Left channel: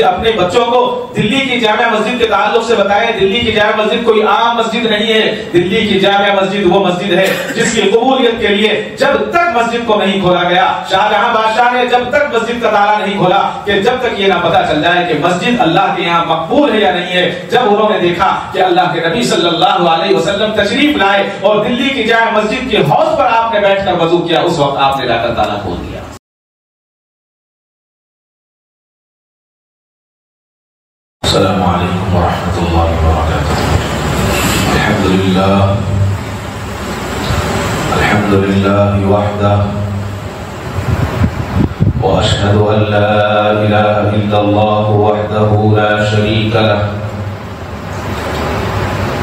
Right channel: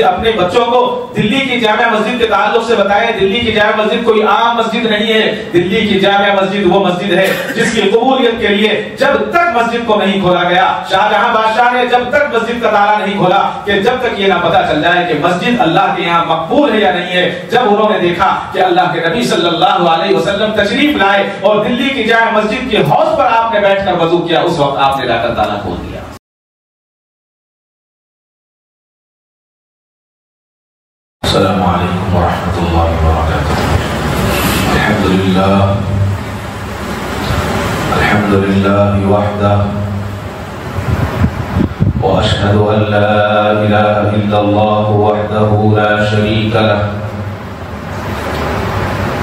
اپنے بچوں کو دلی کی جامع مسجد کے تعلق سے بتائیں. دلی کی جامع مسجد کوئی عام مسجد نہیں ہے. دلی کی جامع مسجد وہ مسجد ہے جس کی قبولیت کے لیے جب تک مسجد کو نہیں کھولا گیا، شاہجہاں بادشاہ نے جب تک مسجد کا تالا نہیں کھولا کہ جب تک یہ نہ پتا چل جائے کہ مسجد اللہ کے یہاں مقبول ہے یا نہیں ہے. جب انہوں نے دیکھا کہ اللہ کے نبی صلی اللہ علیہ وسلم تشریف لائے اور دلی کی جامع مسجد کے حوض پر آپ نے بیٹھ کر وضو کیا، اس وقت آپ نے رب تعالیٰ کھول دیا. السلام علیکم ورحمۃ اللہ وبرکاتہ. الحمد للہ وحدہ واشهد ان لا اله الا الله وحده لا شريك له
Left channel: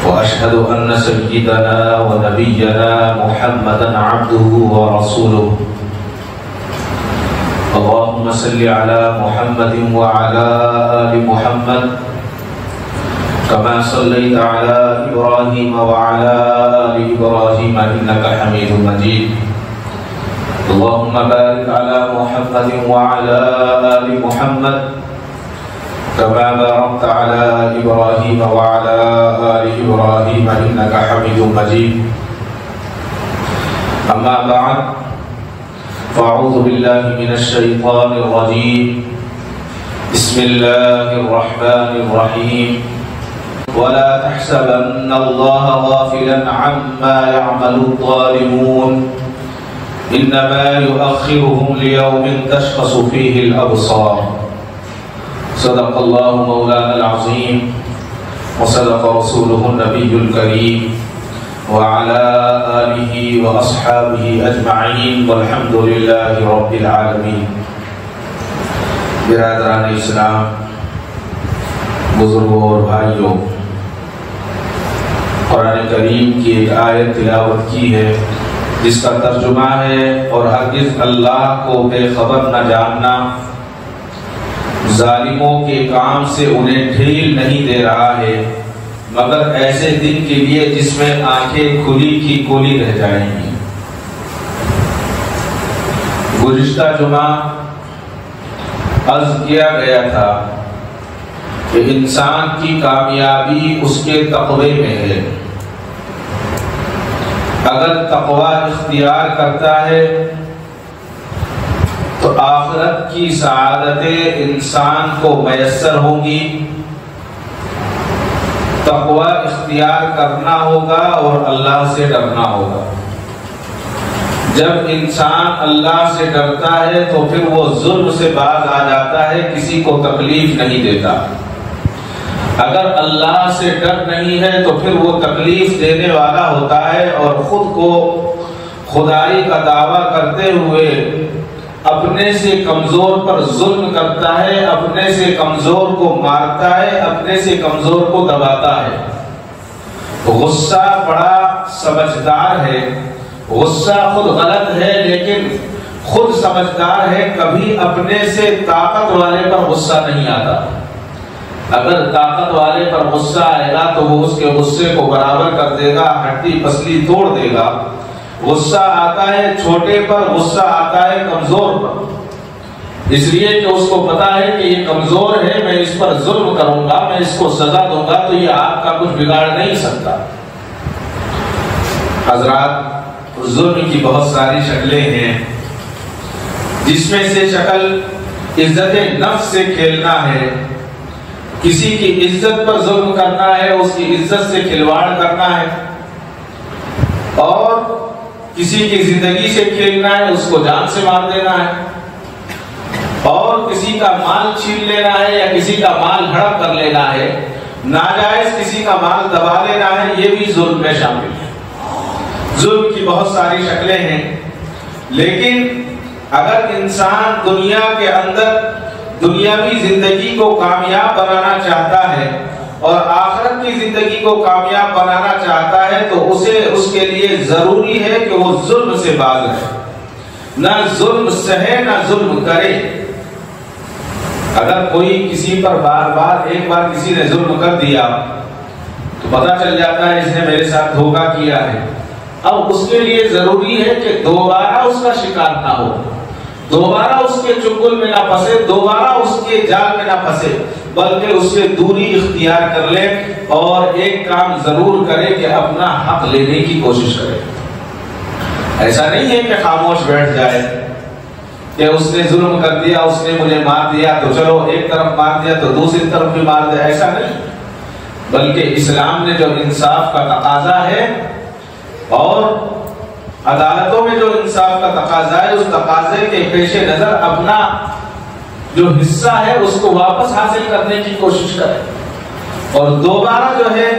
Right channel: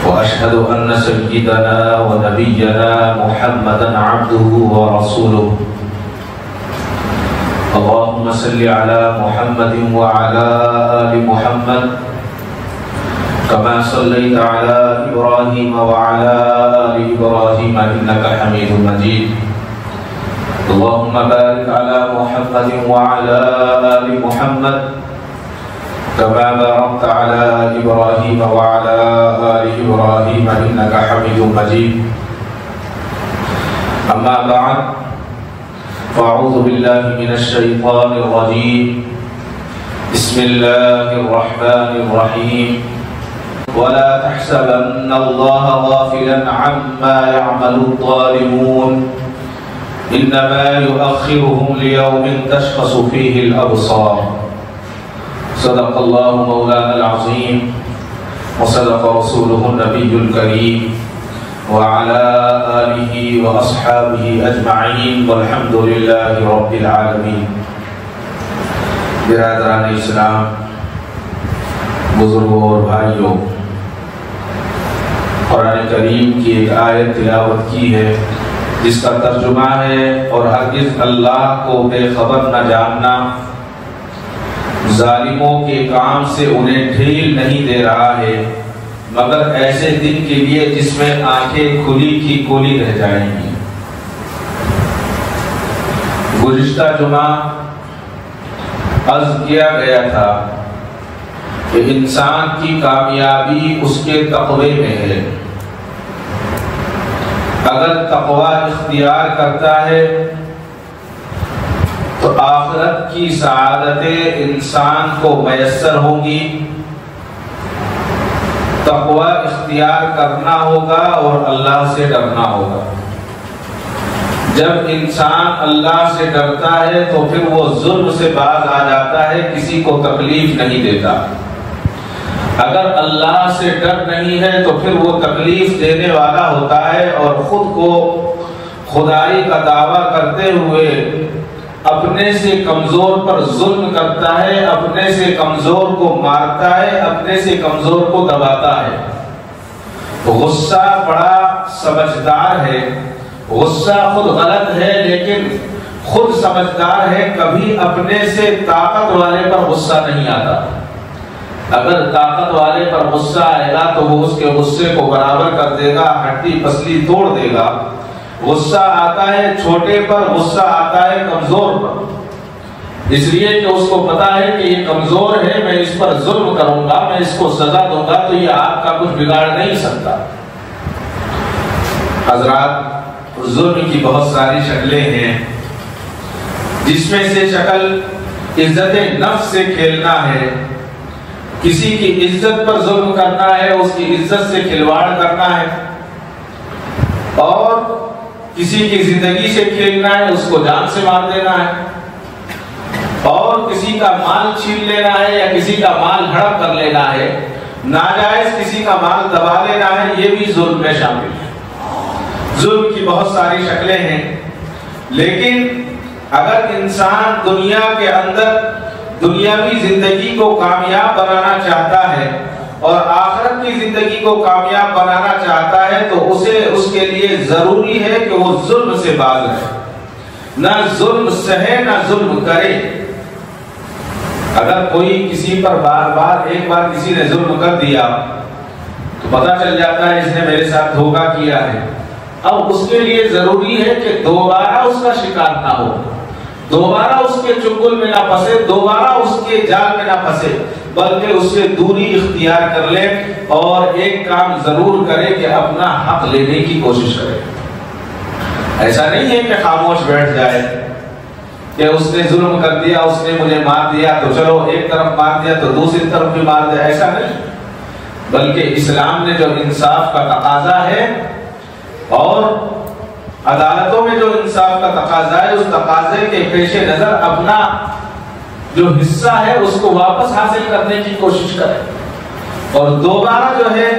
واشهد ان سيدنا ونبينا محمدا عبده ورسوله. اللهم صل على محمد وعلى آل محمد كما صليت على إبراهيم وعلى آل إبراهيم إنك حميد مجيد. اللهم بارك على محمد وعلى آل محمد كما باركت على إبراهيم وعلى آل إبراهيم إنك حميد مجيد. أما بعد فأعوذ بالله من الشيطان الرجيم. بسم الله الرحمن الرحيم. ولا تحسبن الله غافلا عما يعمل الظالمون إنما يؤخرهم ليوم تشخص فيه الأبصار. صدق الله مولانا العظيم وصدق رسوله النبي الكريم وعلى آله وأصحابه أجمعين والحمد لله رب العالمين. برادران اسلام، بزرگوں اور بھائیوں، قرآن کریم کی ایک آیت تلاوت کی ہے جس کا ترجمہ ہے اور ہرگز اللہ کو بے خبر نہ جاننا ظالموں کے کام سے انہیں ڈھیل نہیں دے رہا ہے مگر ایسے دن کے لیے جس میں آنکھیں کھلی کی کھلی رہ گئی. گزشتہ جمعہ عرض کیا گیا تھا کہ انسان کی کامیابی اس کے تقوی میں ہے. اگر تقوی اختیار کرتا ہے تو آخرت کی سعادتیں انسان کو میسر ہوں گی. تقوی اختیار کرنا ہوگا اور اللہ سے ڈرنا ہوگا. جب انسان اللہ سے ڈرتا ہے تو پھر وہ ظلم سے باز آ جاتا ہے، کسی کو تکلیف نہیں دیتا. اگر اللہ سے ڈر نہیں ہے تو پھر وہ تکلیف دینے والا ہوتا ہے اور خود کو خدائی کا دعویٰ کرتے ہوئے اپنے سے کمزور پر ظلم کرتا ہے، اپنے سے کمزور کو مارتا ہے، اپنے سے کمزور کو دباتا ہے. غصہ بڑا سمجھدار ہے. غصہ خود غلط ہے لیکن خود سمجھدار ہے. کبھی اپنے سے طاقت والے پر غصہ نہیں آتا. اگر طاقت والے پر غصہ آئے گا تو وہ اس کے غصے کو برابر کر دے گا، ہڈی پسلی توڑ دے گا. غصہ آتا ہے چھوٹے پر، غصہ آتا ہے کمزور پر، اس لیے کہ اس کو پتا ہے کہ یہ کمزور ہے، میں اس پر ظلم کروں گا، میں اس کو سزا دوں گا تو یہ آپ کا کچھ بگاڑ نہیں سکتا. حضرات، ظلم کی بہت ساری شکلیں ہیں جس میں سے شکل عزت نفس سے کھیلنا ہے. کسی کی عزت پر ظلم کرنا ہے، اس کی عزت سے کھلواڑ کرنا ہے، اور کسی کی زندگی سے کھیلنا ہے، اس کو جان سے مار دینا ہے، اور کسی کا مال چھین لینا ہے یا کسی کا مال ہڑپ کر لینا ہے، ناجائز کسی کا مال دبا لینا ہے. یہ بھی ظلم میں شامل ہے. ظلم کی بہت ساری شکلیں ہیں، لیکن اگر انسان دنیا کے اندر دنیاوی زندگی کو کامیاب بنانا چاہتا ہے اور آخرت کی زندگی کو کامیاب بنانا چاہتا ہے تو اس کے لیے ضروری ہے کہ وہ ظلم سے باز رہے، نہ ظلم سہے نہ ظلم کرے. اگر کوئی کسی پر بار بار ایک بار کسی نے ظلم کر دیا، پتا چل جاتا ہے اس نے میرے ساتھ دھوکہ کیا ہے، اب اس کے لیے ضروری ہے کہ دوبارہ اس کا شکار نہ ہو. دوبارہ اس کے چنگل میں نہ پھنسے، دوبارہ اس کے جال میں نہ پھنسے، بلکہ اس سے دوری اختیار کر لے اور ایک کام ضرور کرے کہ اپنا حق لینے کی کوشش کرے۔ ایسا نہیں ہے کہ خاموش بیٹھ جائے کہ اس نے ظلم کر دیا، اس نے مجھے مار دیا تو چلو ایک طرف مار دیا تو دوسری طرف بھی مار دیا، ایسا نہیں، بلکہ اسلام نے جو انصاف کا تقاضا ہے اور عدالتوں میں جو انصاف کا تقاضا ہے، اس تقاضے کے پیش نظر اپنا جو حصہ ہے اس کو واپس حاصل کرنے کی کوشش کرے اور دوبارہ جو ہے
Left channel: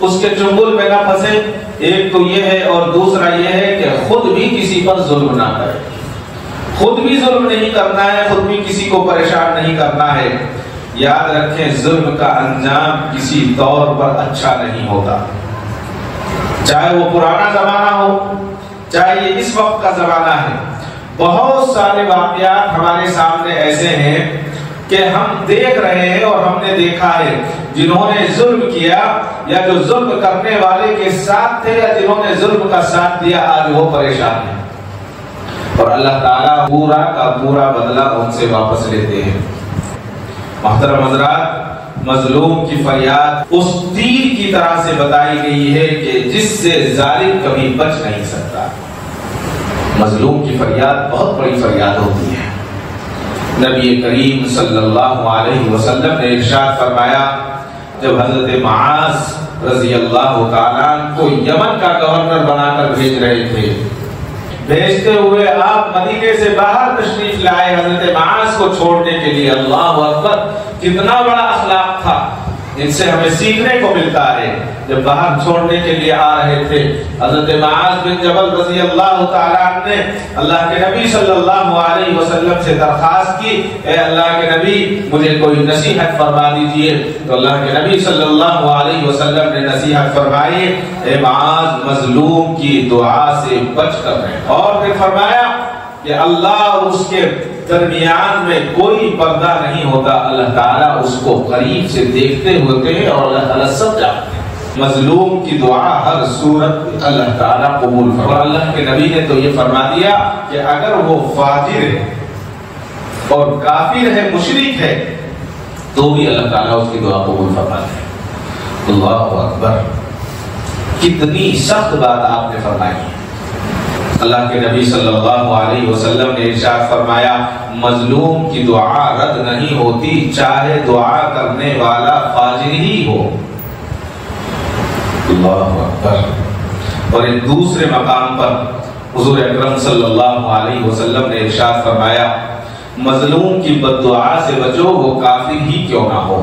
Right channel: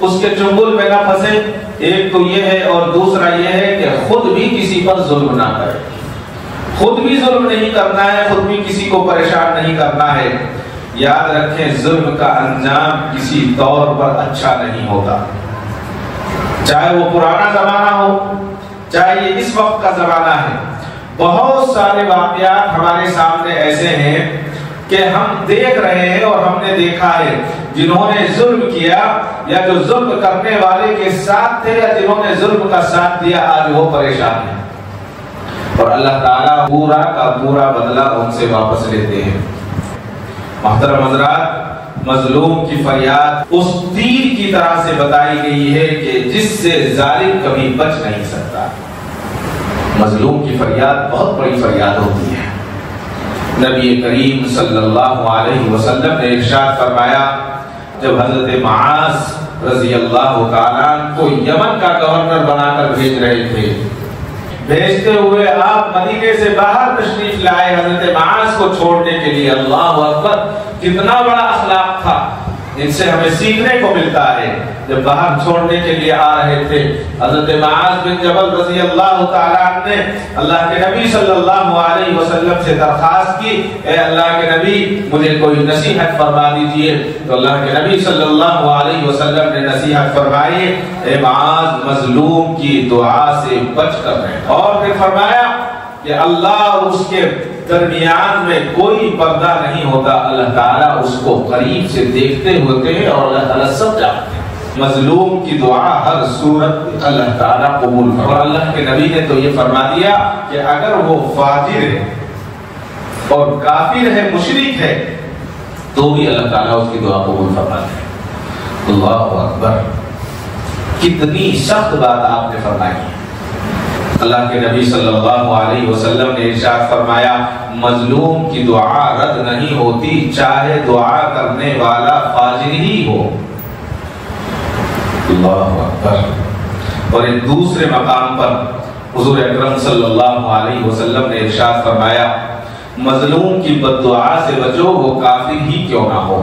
اس کے چنگل میں نہ پھنسے۔ ایک تو یہ ہے اور دوسرا یہ ہے کہ خود بھی کسی پر ظلم نہ کرے، خود بھی ظلم نہیں کرنا ہے، خود بھی کسی کو پریشان نہیں کرنا ہے۔ یاد رکھیں ظلم کا انجام کسی طور پر اچھا نہیں ہوتا، چاہے وہ پرانا زمانہ ہو چاہے یہ اس وقت کا زمانہ ہے۔ بہت سارے واقعات ہمارے سامنے ایسے ہیں کہ ہم دیکھ رہے ہیں اور ہم نے دیکھا ہے جنہوں نے ظلم کیا یا جو ظلم کرنے والے کے ساتھ تھے یا جنہوں نے ظلم کا ساتھ دیا، آج وہ پریشان ہیں اور اللہ تعالیٰ پورا کا پورا بدلہ ان سے واپس لیتے ہیں۔ محترم حضرات، مظلوم کی فریاد اس تیر کی طرح سے بتائی گئی ہے کہ جس سے ظالم کبھی بچ نہیں سکتا۔ مظلوم کی فریاد بہت بڑی فریاد ہوتی ہے۔ نبی کریم صلی اللہ علیہ وسلم نے ارشاد فرمایا، جب حضرت معاذ رضی اللہ تعالیٰ کو یمن کا گورنر بنا کر بھیج رہے تھے، بھیجتے ہوئے آپ مدینے سے باہر تشریف لائے حضرت معاذ کو چھوڑنے کے لیے۔ اللہ اکبر، کتنا بڑا اخلاق تھا، ان سے ہمیں سیکھنے کو ملتا ہے۔ جب باہر چھوڑنے کے لیے آ رہے تھے حضرت معاذ بن جبل رضی اللہ تعالیٰ نے اللہ کے نبی صلی اللہ علیہ وسلم سے درخواست کی، اے اللہ کے نبی مجھے کوئی نصیحت فرما دیجیے، تو اللہ کے نبی صلی اللہ علیہ وسلم نے نصیحت فرمائی، اے معاذ مظلوم کی دعا سے بچ کر رہے، اور پھر فرمایا کہ اللہ اور اس کے درمیان میں کوئی پردہ نہیں ہوتا، اللہ تعالیٰ اس کو قریب سے دیکھتے ہوتے اور اللہ تعالیٰ سب جانتے۔ مظلوم کی دعا ہر صورت اللہ تعالیٰ قبول کرتا، اور اللہ کے نبی نے تو یہ فرما دیا کہ اگر وہ فاجر اور کافر ہے، مشرک ہے، تو بھی اللہ تعالیٰ اس کی دعا قبول فرما دیا۔ اللہ اکبر، کتنی سخت بات آپ نے فرمائی۔ اللہ کے نبی صلی اللہ علیہ وسلم نے ارشاد فرمایا، مظلوم کی دعا رد نہیں ہوتی چاہے دعا کرنے والا فاجر ہی ہو۔ اللہ اکبر۔ اور ایک دوسرے مقام پر حضور اکرم صلی اللہ علیہ وسلم نے ارشاد فرمایا، مظلوم کی بد دعا سے بچو، وہ کافر ہی کیوں نہ ہو۔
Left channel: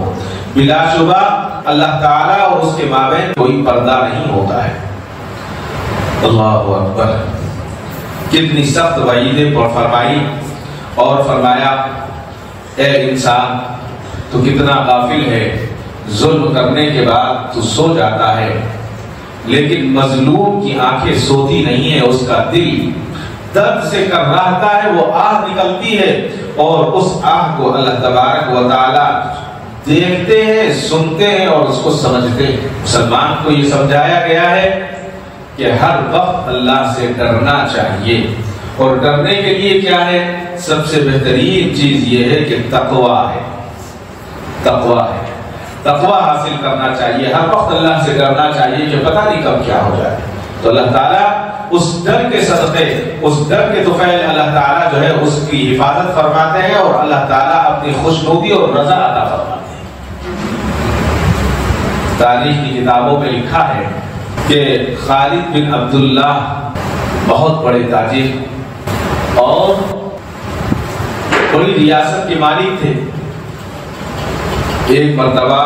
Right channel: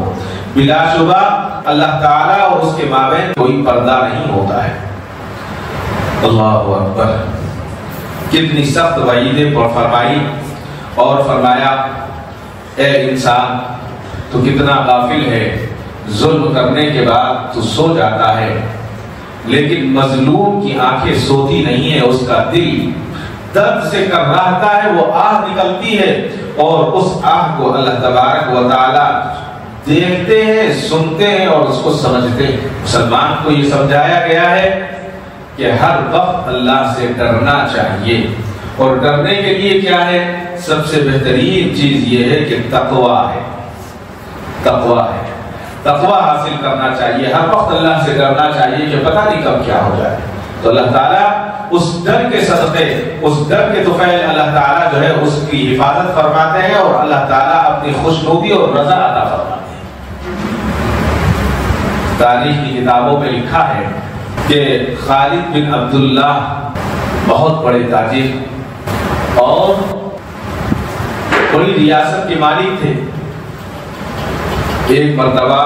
بلا شبہ اللہ تعالیٰ اور اس کے مابین کوئی پردہ نہیں ہوتا ہے۔ اللہ اکبر، کتنی سخت وعیدیں فرمائی اور فرمایا، اے انسان تو کتنا غافل ہے، ظلم کرنے کے بعد تو سو جاتا ہے، لیکن مظلوم کی آنکھیں سوتی نہیں ہے، اس کا دل درد سے کر رہتا ہے، وہ آہ نکلتی ہے اور اس آہ کو اللہ تبارک و تعالیٰ دیکھتے ہیں، سنتے ہیں اور اس کو سمجھتے ہیں۔ مسلمان کو یہ سمجھایا گیا ہے کہ ہر وقت اللہ سے ڈرنا چاہیے، اور ڈرنے کے لیے کیا ہے؟ سب سے بہترین چیز یہ ہے کہ تقویٰ ہے، تقویٰ حاصل کرنا چاہیے، ہم وقت اللہ سے ڈرنا چاہیے کہ پتہ نہیں کب کیا ہو جائے۔ تو اللہ تعالیٰ اس ڈر کے صدقے، اس ڈر کے توفیق اللہ تعالیٰ جو ہے اس کی حفاظت فرماتے ہیں، اور اللہ تعالیٰ اپنی خوشنودی اور رضا عطا فرماتے ہیں۔ تاریخ کی کتابوں میں لکھا ہے کہ خالد بن عبداللہ بہت بڑے تاجر اور بڑی ریاست کے مالک تھے۔ ایک مرتبہ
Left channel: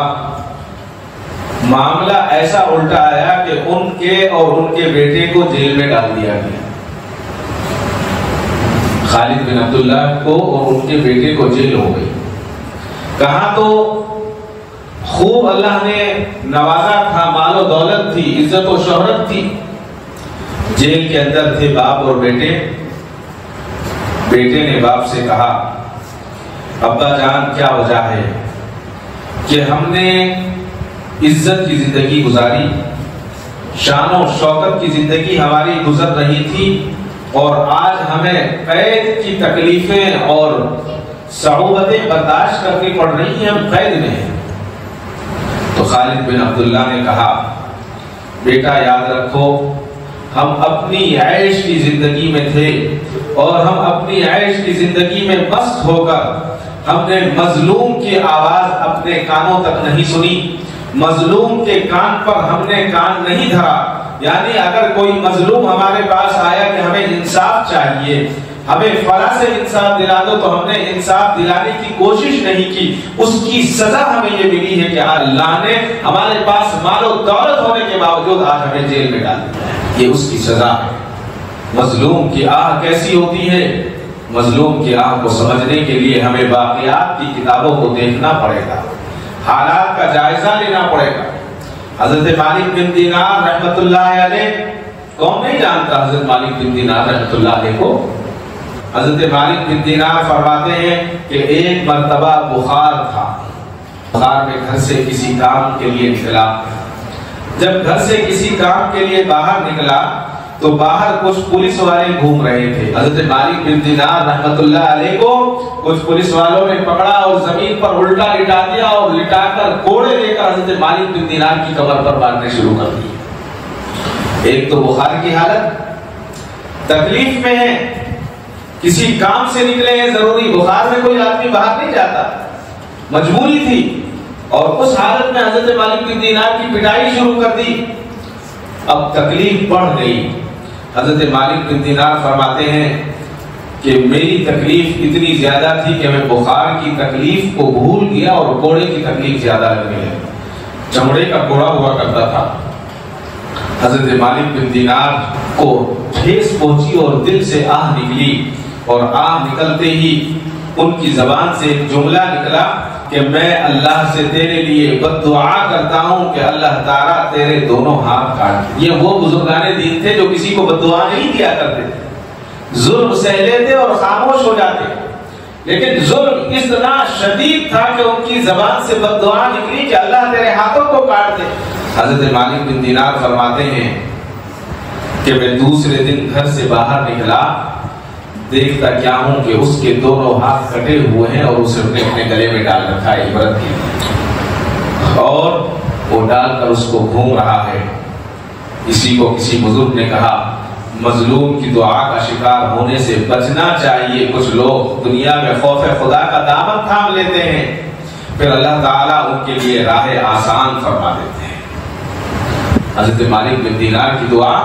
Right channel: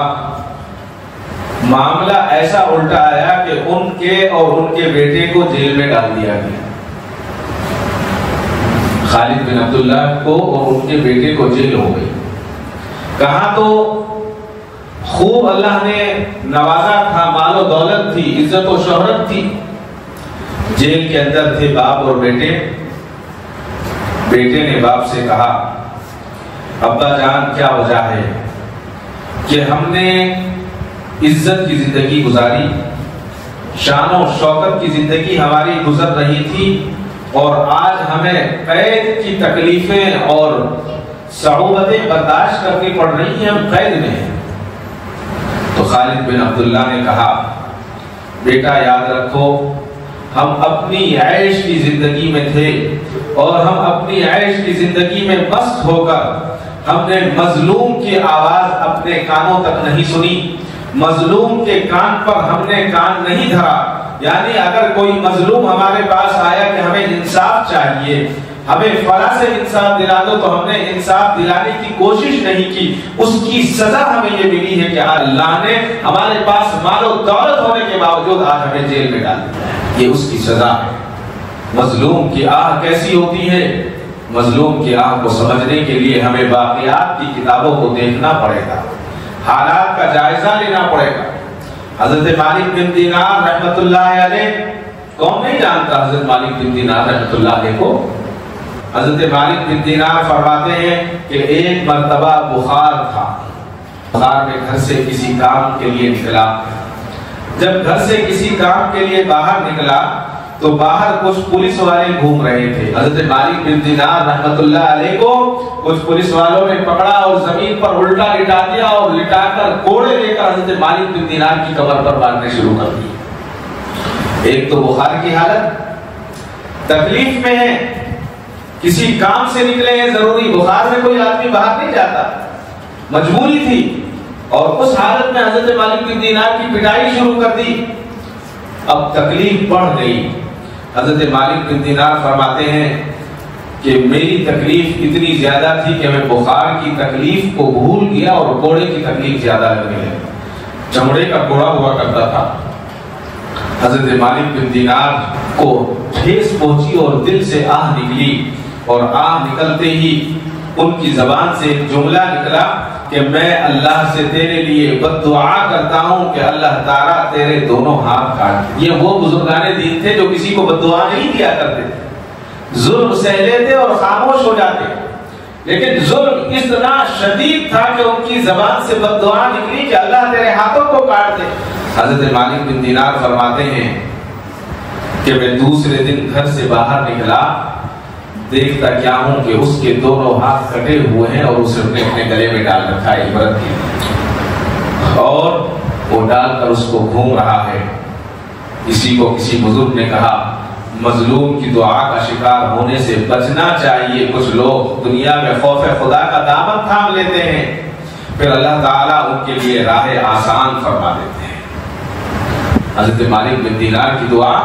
معاملہ ایسا الٹا آیا کہ ان کے اور ان کے بیٹے کو جیل میں ڈال دیا گیا۔ خالد بن عبداللہ کو اور ان کے بیٹے کو جیل ہو گئی۔ کہاں تو خوب اللہ نے نوازا تھا، مال و دولت تھی، عزت و شہرت تھی، جیل کے اندر تھے باپ اور بیٹے۔ بیٹے نے باپ سے کہا، ابا جان کیا وجہ ہے کہ ہم نے عزت کی زندگی گزاری، شان و شوکت کی زندگی ہماری گزر رہی تھی، اور آج ہمیں ہمیں قید کی تکلیفیں اور صعوبتیں برداشت کرنی پڑ رہی ہیں، ہم قید میں ہیں۔ تو خالد بن عبداللہ نے کہا بیٹا یاد رکھو ہم اپنی عیش کی زندگی میں تھے اور ہم اپنی عیش کی زندگی میں مست ہو کر ہم نے مظلوم کی آواز اپنے کانوں تک نہیں سنی، مظلوم کے کان پر ہم نے کان نہیں دھرا۔ یعنی اگر کوئی مظلوم ہمارے پاس آیا کہ ہمیں انصاف چاہیے، ہمیں فلاں سے انصاف دلانا، تو ہم نے انصاف دلانے کی کوشش نہیں کی۔ اس کی سزا ہمیں یہ ملی ہے کہ اللہ نے ہمارے پاس مال و دولت ہونے کے باوجود آج ہمیں جیل میں ڈال دیا، یہ اس کی سزا ہے۔ مظلوم کی آہ کیسی ہوتی ہے؟ مظلوم کی آہ کو سمجھنے کے لیے ہمیں واقعات کی کتابوں کو دیکھنا پڑے گا، حالات کا جائزہ لینا پڑے گا۔ حضرت مالک بن دینار رحمۃ اللہ علیہ، کون نہیں جانتا حضرت مالک بن دینار رحمۃ اللہ علیہ کو؟ حضرت مالک بن دینار فرماتے ہیں کہ ایک مرتبہ بخار تھا، میں گھر سے کسی کام کے لیے نکلا، جب گھر سے کسی کام کے لیے باہر نکلا تو باہر کچھ پولیس والے گھوم رہے تھے۔ حضرت مالک بن دینار رحمۃ اللہ علیہ کو کچھ پولیس والوں نے پکڑا اور زمین پر الٹا لٹا دیا اور لٹا کر کوڑے دے کر حضرت مالک بن دینار کی کمر پر باندھنے شروع کر دیا۔ ایک تو بخار کی حالت، تکلیف میں ہے، کسی کام سے نکلے ہیں ضروری، بخار میں کوئی آدمی باہر نہیں جاتا، مجبوری تھی، اور اس حالت میں حضرت مالک بن دینار کی پٹائی شروع کر دی۔ اب تکلیف بڑھ گئی، حضرت مالک بن دینار فرماتے ہیں کہ میری تکلیف اتنی زیادہ تھی کہ میں بخار کی تکلیف کو بھول گیا اور کوڑے کی تکلیف زیادہ لگ رہی، چمڑے کا کوڑا ہوا کرتا تھا۔ حضرت مالک بن دینار کو ٹھیس پہنچی اور دل سے آہ نکلی، اور آہ نکلتے ہی ان کی زبان سے ایک جملہ نکلا کہ میں اللہ سے تیرے لیے بد دعا کرتا ہوں کہ اللہ تعالیٰ تیرے دونوں ہاتھ کاٹ۔ یہ وہ بزرگان دین تھے جو کسی کو بد دعا نہیں کیا کرتے، ظلم سہ لیتے اور خاموش ہو جاتے، لیکن ظلم اتنا شدید تھا کہ ان کی زبان سے بد دعا نکلی کہ اللہ تیرے ہاتھوں کو کاٹ دے۔ حضرت مالک بن دینار فرماتے ہیں کہ میں دوسرے دن گھر سے باہر نکلا، دیکھتا کیا ہوں کہ اس کے دونوں ہاتھ کٹے ہوئے ہیں اور اسے اپنے گلے میں ڈال رکھا ہے، اور وہ ڈال کر اس کو گھوم رہا ہے۔ اسی کو کسی بزرگ نے کہا مظلوم کی دعا کا شکار ہونے سے بچنا چاہیے۔ کچھ لوگ دنیا میں خوف خدا کا دامن تھام لیتے ہیں، پھر اللہ تعالیٰ ان کے لیے راہ آسان فرما دیتے ہیں۔ حضرت مالک بن دینار کی دعا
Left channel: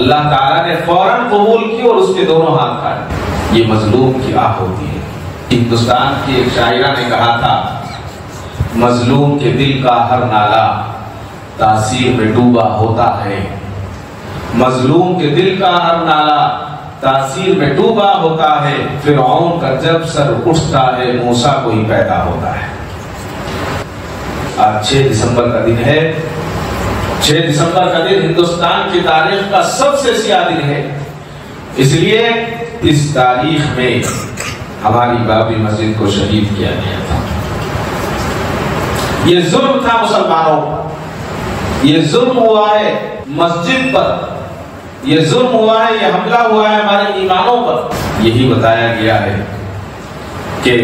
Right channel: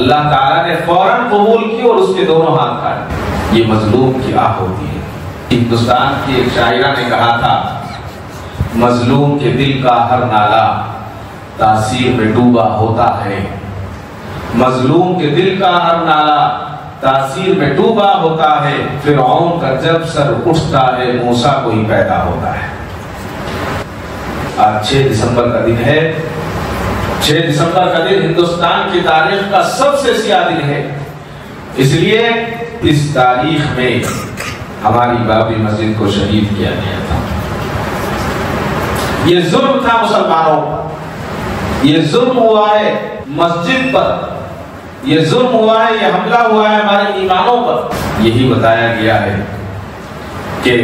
اللہ تعالیٰ نے فوراً قبول کی اور اس کے دونوں ہاتھ کاٹ دیے۔ یہ مظلوم کی بات ہوتی ہے۔ ہندوستان کی ایک شاعرہ نے کہا تھا مظلوم کے دل کا ہر نالہ تاثیر میں ڈوبا ہوتا ہے، مظلوم کے دل کا ہر نالہ تاثیر میں ڈوبا ہوتا ہے، فرعون کا جب سر اٹھتا ہے موسیٰ کو ہی پیدا ہوتا ہے۔ آج 6 دسمبر کا دن ہے، 6 دسمبر کا دن ہندوستان کی تاریخ کا سب سے سیاہ دن ہے، اس لیے اس تاریخ میں ہماری بابری مسجد کو شہید کیا گیا تھا۔ یہ ظلم تھا مسلمانوں، یہ ظلم ہوا ہے مسجد پر، یہ ظلم ہوا ہے، یہ حملہ ہوا ہے ہمارے ایمانوں پر۔ یہی بتایا گیا ہے کہ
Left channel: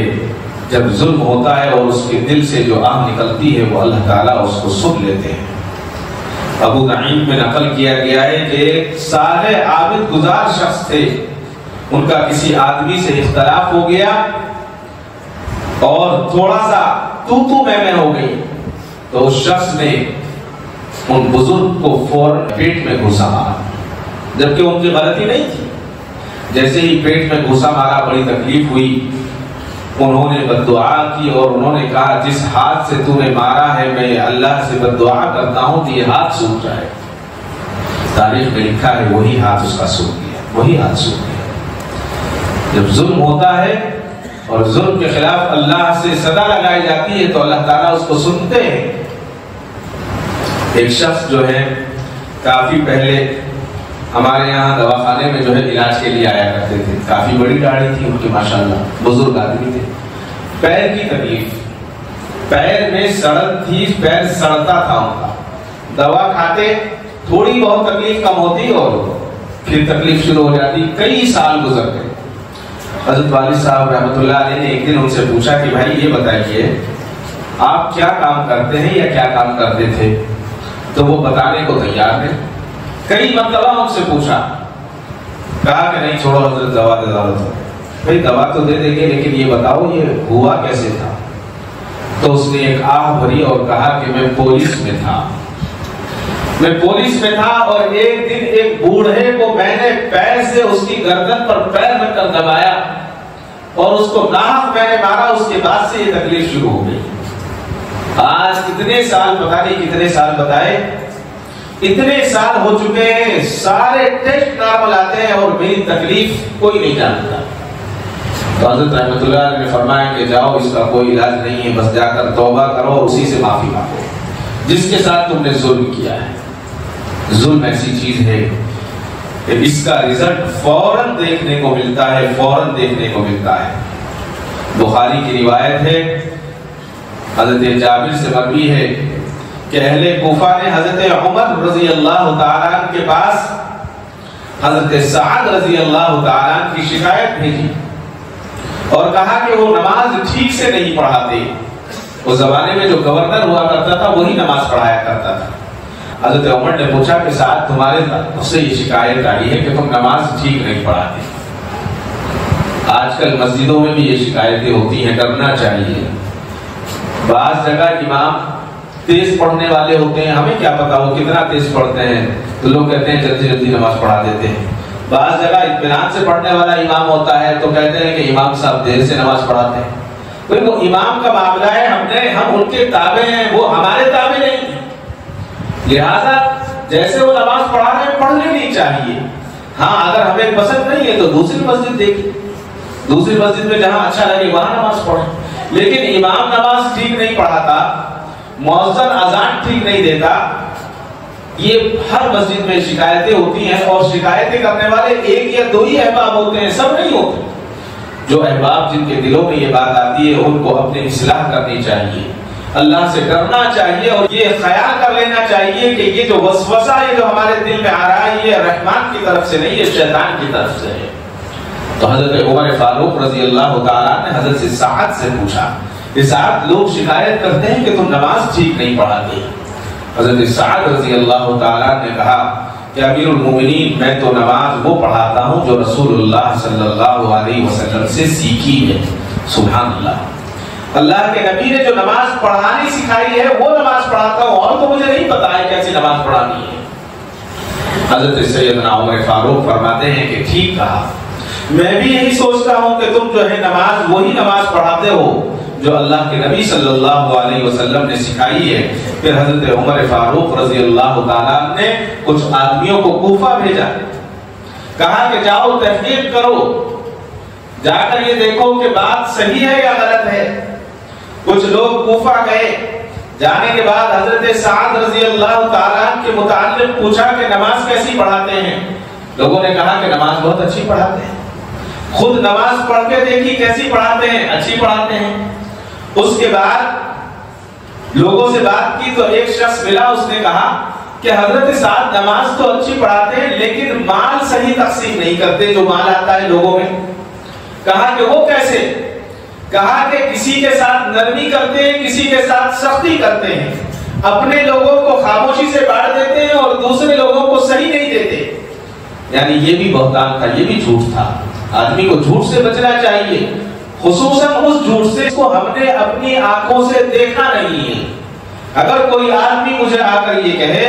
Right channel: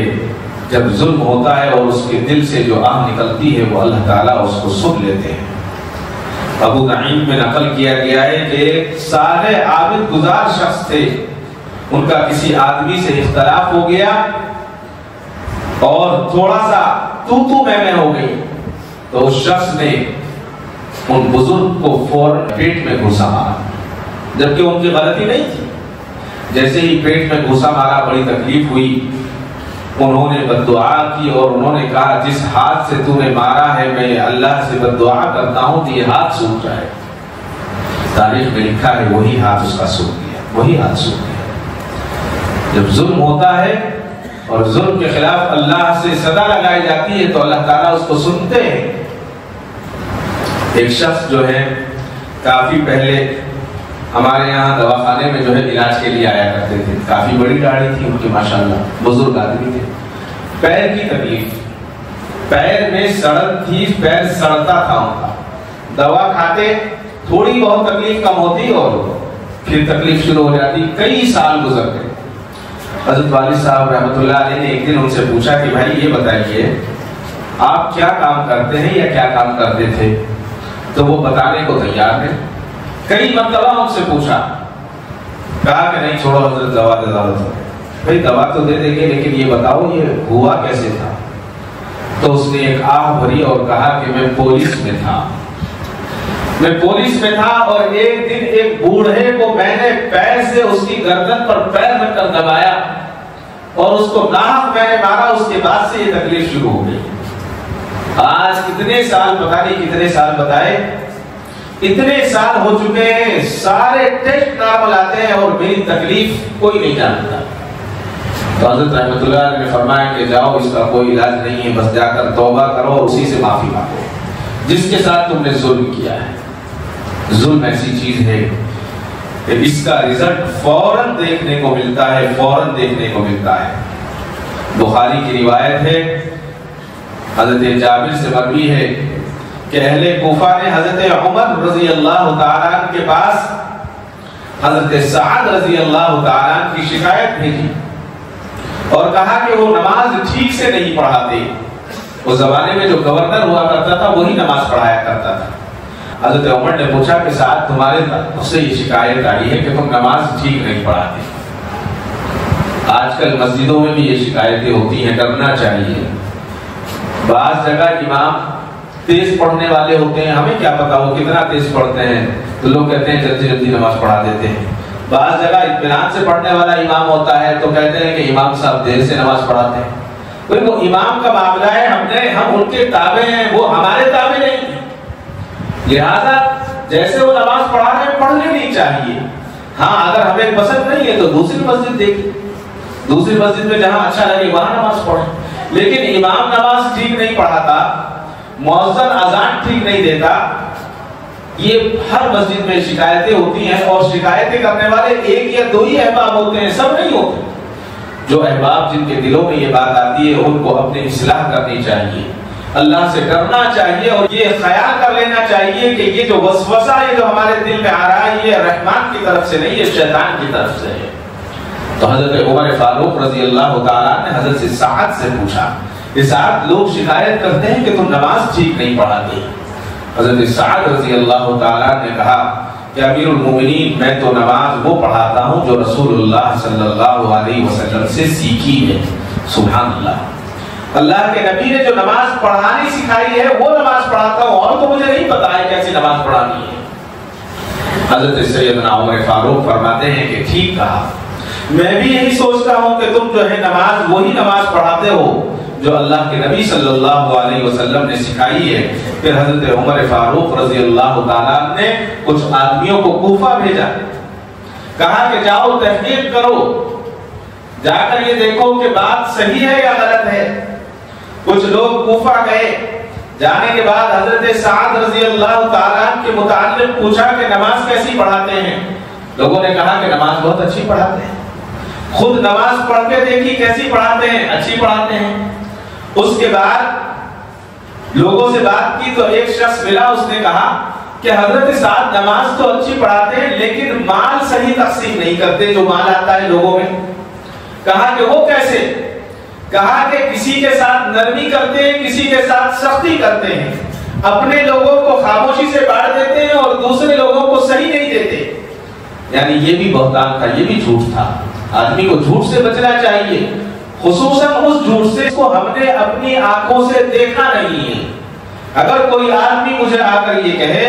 جب ظلم ہوتا ہے اور اس کے دل سے جو آگ نکلتی ہے وہ اللہ تعالیٰ اس کو سن لیتے ہیں۔ ابو نعیم میں نقل کیا گیا ہے کہ سارے عابد گزار شخص تھے، ان کا کسی آدمی سے اختلاف ہو گیا اور تھوڑا سا تو میں ہو گئی، تو اس شخص نے ان بزرگ کو فوراً پیٹ میں گھسا، جبکہ ان کی غلطی نہیں تھی۔ جیسے ہی پیٹ میں گھسا مارا بڑی تکلیف ہوئی، انہوں نے بد دعا کی اور انہوں نے کہا جس ہاتھ سے تو نے مارا ہے میں اللہ سے بد دعا کرتا ہوں کہ یہ ہاتھ سوکھ جائے۔ تاریخ میں لکھا ہے وہی ہاتھ اس کا سوکھ گیا، وہی ہاتھ سوکھ گیا۔ جب ظلم ہوتا ہے اور ظلم کے خلاف اللہ سے سزا لگائی جاتی ہے تو اللہ تعالیٰ اس کو سنتے ہیں۔ ایک شخص جو ہے کافی پہلے ہمارے یہاں دواخانے میں جو ہے علاج کے لیے آیا کرتے تھے، کافی بڑی گاڑی تھی ان کی ماشاءاللہ، بزرگ آدمی تھے۔ پیر کی تکلیف، پیر میں سڑن تھی، پیر سڑتا تھا، دوا کھاتے تھوڑی بہت تکلیف کم ہوتی اور پھر تکلیف شروع ہو جاتی. کئی سال گزر گئے. حضرت والد صاحب رحمۃ اللہ علیہ نے ایک دن ان سے پوچھا کہ بھائی یہ بتائیے آپ کیا کام کرتے ہیں یا کیا کام کرتے تھے؟ تو وہ بتانے کو تیار نہیں. کئی مرتبہ ان سے پوچھا, کہا کہ نہیں چھوڑو حضرت دوا دو. بھائی دوا تو دے دیں گے لیکن یہ بتاؤ یہ ہوا کیسے تھا؟ تو اس نے ایک آہ بھری اور کہا کہ میں پولیس میں تھا. میں پولیس میں تھا اور ایک دن ایک بوڑھے کو میں نے پیر سے اس کی گردن پر پیر میں کر دبایا اور اس کو ناک میں نے مارا. اس کے بعد سے یہ تکلیف شروع ہو گئی. آج کتنے سال, پتہ نہیں کتنے سال بتائے, اتنے سال ہو چکے ہیں, سارے ٹیسٹ نارمل آتے ہیں اور میری تکلیف کوئی نہیں جانتا. تو حضرت رحمۃ اللہ نے فرمایا کہ جاؤ اس کا کوئی علاج نہیں ہے, بس جا کر توبہ کرو اور اسی سے معافی مانگو جس کے ساتھ تم نے ظلم کیا ہے. ظلم ایسی چیز ہے کہ اس کا رزلٹ فوراً دیکھنے کو ملتا ہے, فوراً دیکھنے کو ملتا ہے. بخاری کی روایت ہے, حضرت جابر سے مروی ہے کہ اہل کوفہ نے حضرت عمر رضی اللہ تعالیٰ عنہ کے پاس حضرت سعد رضی اللہ تعالیٰ عنہ کی شکایت بھیجی اور کہا کہ وہ نماز ٹھیک سے نہیں پڑھاتے. اس زمانے میں جو گورنر ہوا کرتا تھا وہی نماز پڑھایا کرتا تھا. حضرت عمر نے پوچھا کہ سعد تمہارے سے یہ شکایت آئی ہے کہ تم نماز ٹھیک نہیں پڑھاتے. آج کل مسجدوں میں بھی یہ شکایتیں ہوتی ہیں, کرنا چاہیے. بعض جگہ امام تیز پڑھنے والے ہوتے ہیں, ہمیں کیا پتا وہ کتنا تیز پڑھتے ہیں, تو لوگ کہتے ہیں جلدی جلدی نماز پڑھا دیتے ہیں. بعض جگہ اطمینان سے پڑھنے والا امام ہوتا ہے تو کہتے ہیں کہ امام صاحب دیر سے نماز پڑھاتے ہیں. وہ امام کا معاملہ ہے, ہم ان کی تابع ہیں, وہ ہمارے تابع نہیں. لہٰذا جیسے وہ نماز پڑھا رہے ہیں پڑھنی نہیں چاہیے. ہاں اگر ہمیں پسند نہیں ہے تو دوسری مسجد دیکھیں, دوسری مسجد میں جہاں اچھا ہے وہاں نماز پڑھیں. لیکن امام نماز ٹھیک نہیں پڑھاتا, مؤذن اذان ٹھیک نہیں دیتا, یہ ہر مسجد میں شکایتیں ہوتی ہیں. اور شکایتیں کرنے والے ایک یا دو ہی احباب ہوتے ہیں, سب نہیں ہوتے. جو احباب جن کے دلوں میں یہ بات آتی ہے ان کو اپنے اصلاح کرنی چاہیے, اللہ سے ڈرنا چاہیے اور یہ خیال کر لینا چاہیے کہ یہ جو وسوسہ ہے جو ہمارے دل میں آ رہا ہے یہ رحمان کی طرف سے نہیں, شیطان کی طرف سے ہے. تو حضرت عمر فاروق رضی اللہ تعالیٰ نے حضرت سعد سے پوچھا کہ سعد لوگ شکایت کرتے ہیں کہ تم نماز ٹھیک نہیں پڑھاتے. حضرت سعد رضی اللہ تعالیٰ نے کہا کہ امیر المومنین میں تو نماز وہ پڑھاتا ہوں جو رسول اللہ صلی اللہ علیہ وسلم سے سیکھی ہے. سبحان اللہ, اللہ کے نبی نے جو نماز پڑھانی سکھائی ہے وہ نماز پڑھاتا ہوں, اور تو مجھے نہیں پتا ہے کیسی نماز پڑھانی ہے. حضرت سیدنا عمر فاروق فرماتے ہیں کہ ٹھیک ہے, میں بھی یہی سوچتا ہوں کہ تم جو ہے نماز وہی نماز پڑھاتے ہو جو اللہ کے نبی صلی اللہ علیہ وسلم نے سکھائی ہے. پھر حضرت عمر فاروق رضی اللہ تعالیٰ نے کچھ آدمیوں کو کوفہ بھیجا, کہا کہ جاؤ تحقیق کرو, جا کر یہ دیکھو کہ بات صحیح ہے یا غلط ہے. کچھ لوگ کوفہ گئے, جانے کے بعد حضرت سعد رضی اللہ تعالیٰ کے متعلق پوچھا کہ نماز کیسی پڑھاتے ہیں. لوگوں نے کہا کہ نماز بہت اچھی پڑھاتے ہیں. خود نماز پڑھ کے دیکھی کیسی پڑھاتے ہیں, اچھی پڑھاتے ہیں. اس کے بعد لوگوں سے بات کی تو ایک شخص ملا, اس نے کہا کہ حضرت سعد نماز تو اچھی پڑھاتے ہیں لیکن مال صحیح تقسیم نہیں کرتے جو مال آتا ہے لوگوں میں. کہا کہ وہ کیسے؟ کہا کہ کسی کے ساتھ نرمی کرتے ہیں, کسی کے ساتھ سختی کرتے ہیں, اپنے لوگوں کو خاموشی سے بانٹ دیتے ہیں اور دوسرے لوگوں کو صحیح نہیں دیتے. یعنی یہ بھی بہتان تھا, یہ بھی جھوٹ تھا. آدمی کو جھوٹ سے بچنا چاہیے, خصوصاً اس جھوٹ سے کو ہم نے اپنی آنکھوں سے دیکھا نہیں ہے. اگر کوئی آدمی مجھے آ کر یہ کہے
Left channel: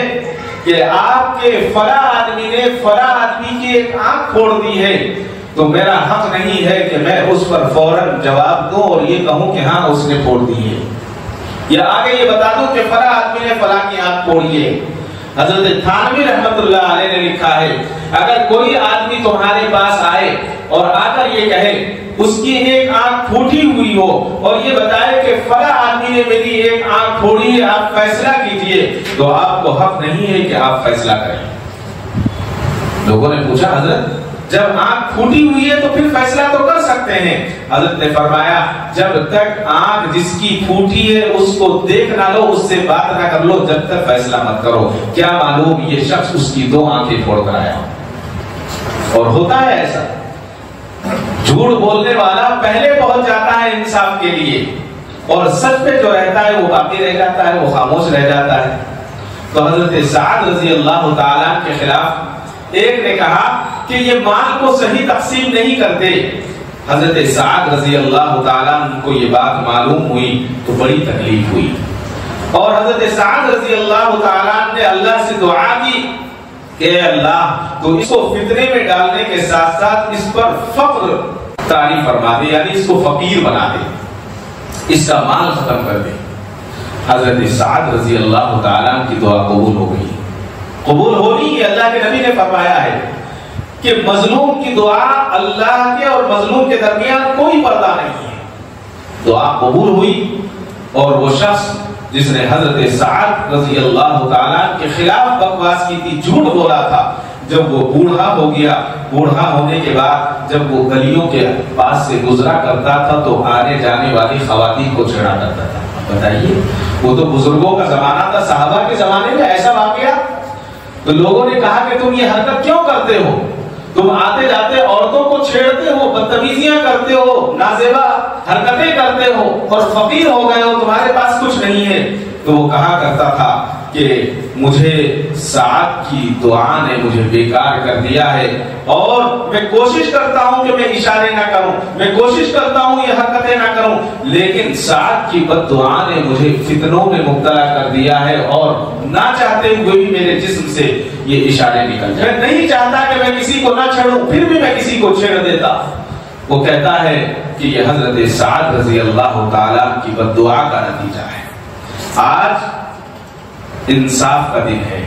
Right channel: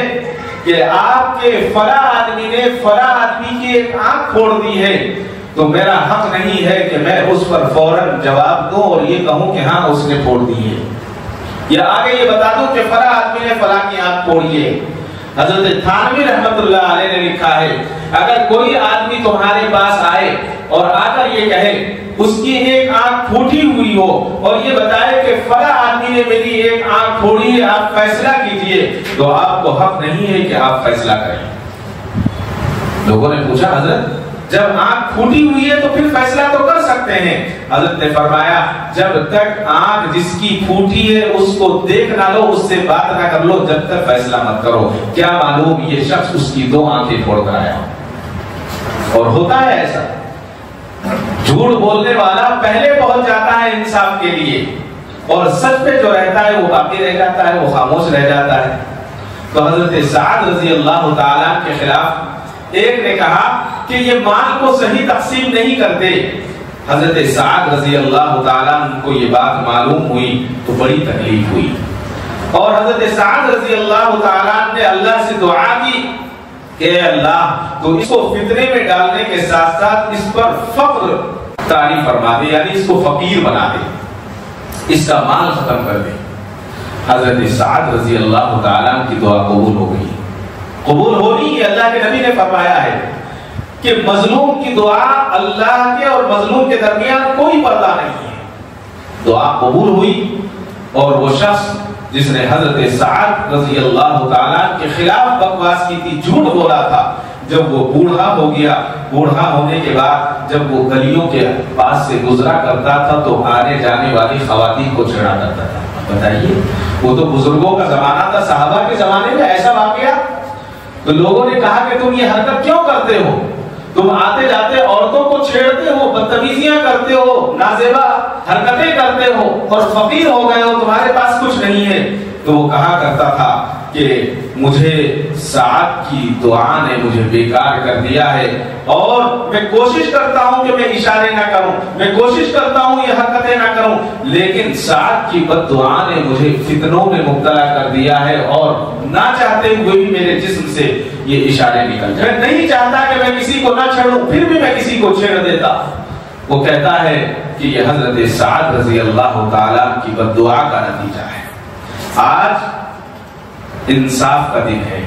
کہ آپ کے فلاں آدمی نے فلاں آدمی کی ایک آنکھ پھوڑ دی ہے, تو میرا حق نہیں ہے کہ میں اس پر فوراً جواب دوں اور یہ کہوں کہ ہاں اس نے پھوڑ دی ہے, یا آگے یہ بتا دوں کہ فلاں آدمی نے فلاں کی آنکھ پھوڑ دی ہے. حضرت تھانوی رحمۃ اللہ علیہ نے لکھا ہے اگر کوئی آدمی تمہارے پاس آئے اور آ کر یہ کہے اس کی ایک آنکھ پھوٹی ہوئی ہو اور یہ بتائے کہ فلاں آدمی نے میری ایک آنکھ پھوڑی ہے, آپ فیصلہ کیجئے, تو آپ کو حق نہیں ہے کہ آپ فیصلہ کریے. لوگوں نے پوچھا حضرت جب آنکھ پھوٹی ہوئی ہے تو پھر فیصلہ تو کر سکتے ہیں. حضرت نے فرمایا جب تک آنکھ جس کی پھوٹی ہے اس کو دیکھ نہ لو, اس سے بات نہ کر لو, جب تک فیصلہ مت کرو. کیا معلوم یہ شخص اس کی دو آنکھیں پھوڑنا ہے. اور ہوتا ہے ایسا، جھوٹ بولنے والا پہلے پہنچ جاتا ہے انصاف کے لیے، اور سچ پہ جو رہتا ہے وہ باقی رہ جاتا ہے، وہ خاموش رہ جاتا ہے۔ تو حضرت سعد رضی اللہ تعالیٰ کے خلاف ایک نے کہا کہ یہ مال کو صحیح تقسیم نہیں کرتے۔ حضرت سعد رضی اللہ تعالیٰ ان کو یہ بات معلوم ہوئی تو بڑی تکلیف ہوئی، اور حضرت سعد رضی اللہ تعالیٰ نے اللہ سے دعا کی کہ اللہ تو اس کو فتنے میں ڈالنے کے ساتھ ساتھ اس پر فقر طاری فرما دے، یعنی اس کو فقیر بنا دے، اس کا مال ختم کر دے۔ حضرت سعد رضی اللہ تعالیٰ کی دعا قبول ہو گئی، قبول ہونے کی اللہ کے نبی نے فرمایا ہے کہ مظلوم کی دعا اللہ کے اور مظلوم کے درمیان کوئی پردہ نہیں ہے۔ دعا قبول ہوئی، اور وہ شخص جس نے حضرت سعد رضی اللہ تعالیٰ کے خلاف بکواس کی تھی، جھوٹ بولا تھا، جب وہ بوڑھا ہو گیا، بوڑھا ہونے کے بعد جب وہ گلیوں کے پاس سے گزرا کرتا تھا تو آنے جانے والی خواتین کو چھڑا دیتا تھا۔ بتائیے، وہ تو بزرگوں کا زمانہ تھا، صحابہ کے زمانے میں ایسا واقعہ، تو لوگوں نے کہا کہ تم یہ حرکت کیوں کرتے ہو؟ تم آتے جاتے عورتوں کو چھیڑتے ہو، بدتمیزیاں کرتے ہو، نازیبا حرکتیں کرتے ہو، اور فقیر ہو گئے ہو، تمہارے پاس کچھ نہیں ہے۔ تو وہ کہا کرتا تھا کہ مجھے سعد کی دعا نے مجھے بیکار کر دیا ہے، اور میں کوشش کرتا ہوں کہ میں اشارے نہ کروں، میں کوشش کرتا ہوں یہ حرکتیں نہ کروں، لیکن سعد کی بد دعا نے مجھے فتنوں میں مبتلا کر دیا ہے، اور نہ چاہتے ہوئے بھی میرے جسم سے یہ اشارے نکلتے ہیں۔ نہیں چاہتا کہ میں کسی کو نہ چھیڑوں، پھر بھی میں کسی کو چھیڑ دیتا۔ وہ کہتا ہے کہ یہ حضرت سعد رضی اللہ تعالیٰ کی بد دعا کا نتیجہ ہے۔ آج انصاف کا دن ہے،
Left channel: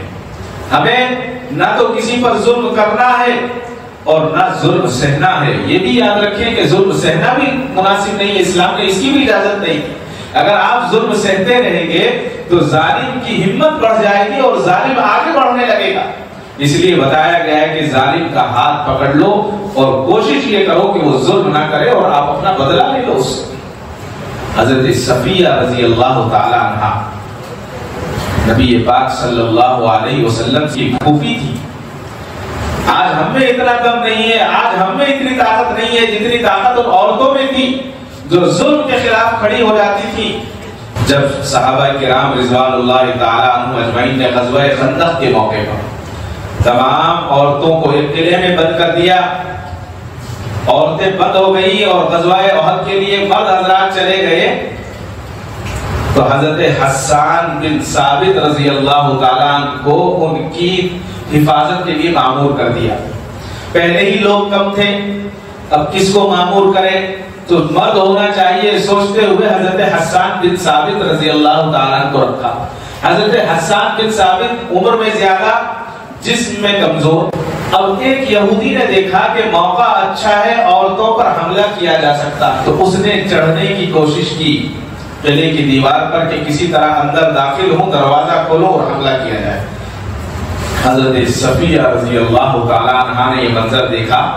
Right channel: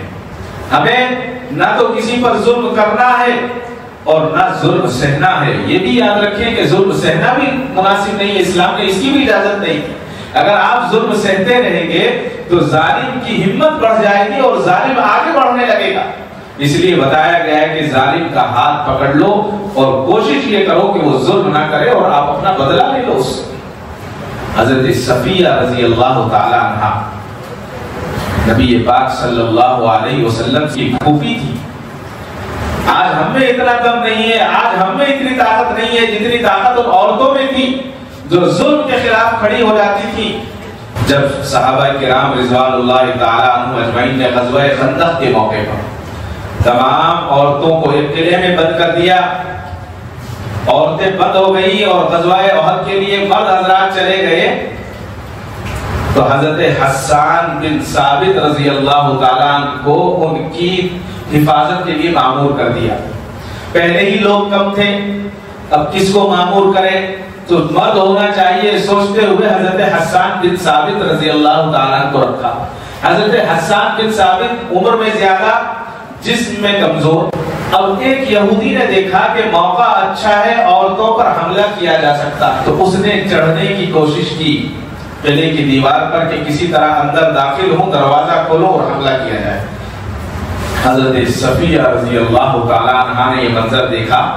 ہمیں نہ تو کسی پر ظلم کرنا ہے اور نہ ظلم سہنا ہے۔ یہ بھی یاد رکھیں کہ ظلم سہنا بھی مناسب نہیں، اسلام نے اس کی بھی اجازت نہیں۔ اگر آپ ظلم سہتے رہیں گے تو ظالم کی ہمت بڑھ جائے گی اور ظالم آگے بڑھنے لگے گا۔ اس لیے بتایا گیا ہے کہ ظالم کا ہاتھ پکڑ لو اور کوشش یہ کرو کہ وہ ظلم نہ کرے اور آپ اپنا بدلہ لے لو اس سے۔ حضرت صفیہ رضی اللہ تعالیٰ عنہا نبی پاک صلی اللہ علیہ وسلم کی پھوپھی تھی۔ آج ہم میں اتنا کم نہیں ہے، آج ہم میں اتنی طاقت نہیں ہے جتنی طاقت ان عورتوں میں تھی جو ظلم کے خلاف کھڑی ہو جاتی تھی۔ جب صحابہ کرام رضوان اللہ تعالیٰ عنہم اجمعین نے غزوہ خندق کے موقع پر تمام عورتوں کو ایک قلعے میں بند کر دیا، عورتیں بند ہو گئی اور غزوہ احد کے لیے مرد حضرات چلے گئے، تو حضرت حسان بن ثابت رضی اللہ تعالیٰ عنہ کو ان کی حفاظت کے لیے مامور کر دیا۔ پہلے ہی لوگ کم تھے، اب کس کو مامور کریں؟ تو مرد ہونا چاہیے سوچتے ہوئے حضرت حسان بن ثابت رضی اللہ تعالیٰ کو رکھا۔ حضرت حسان بن ثابت عمر میں زیادہ، جسم میں کمزور۔ اب ایک یہودی نے دیکھا کہ موقع اچھا ہے، عورتوں پر حملہ کیا جا سکتا، تو اس نے چڑھنے کی کوشش کی قلعے کی دیوار پر کہ کسی طرح اندر داخل ہو، دروازہ کھولو اور حملہ کیا جائے۔ حضرت صفیہ رضی اللہ تعالیٰ عنہ نے یہ منظر دیکھا،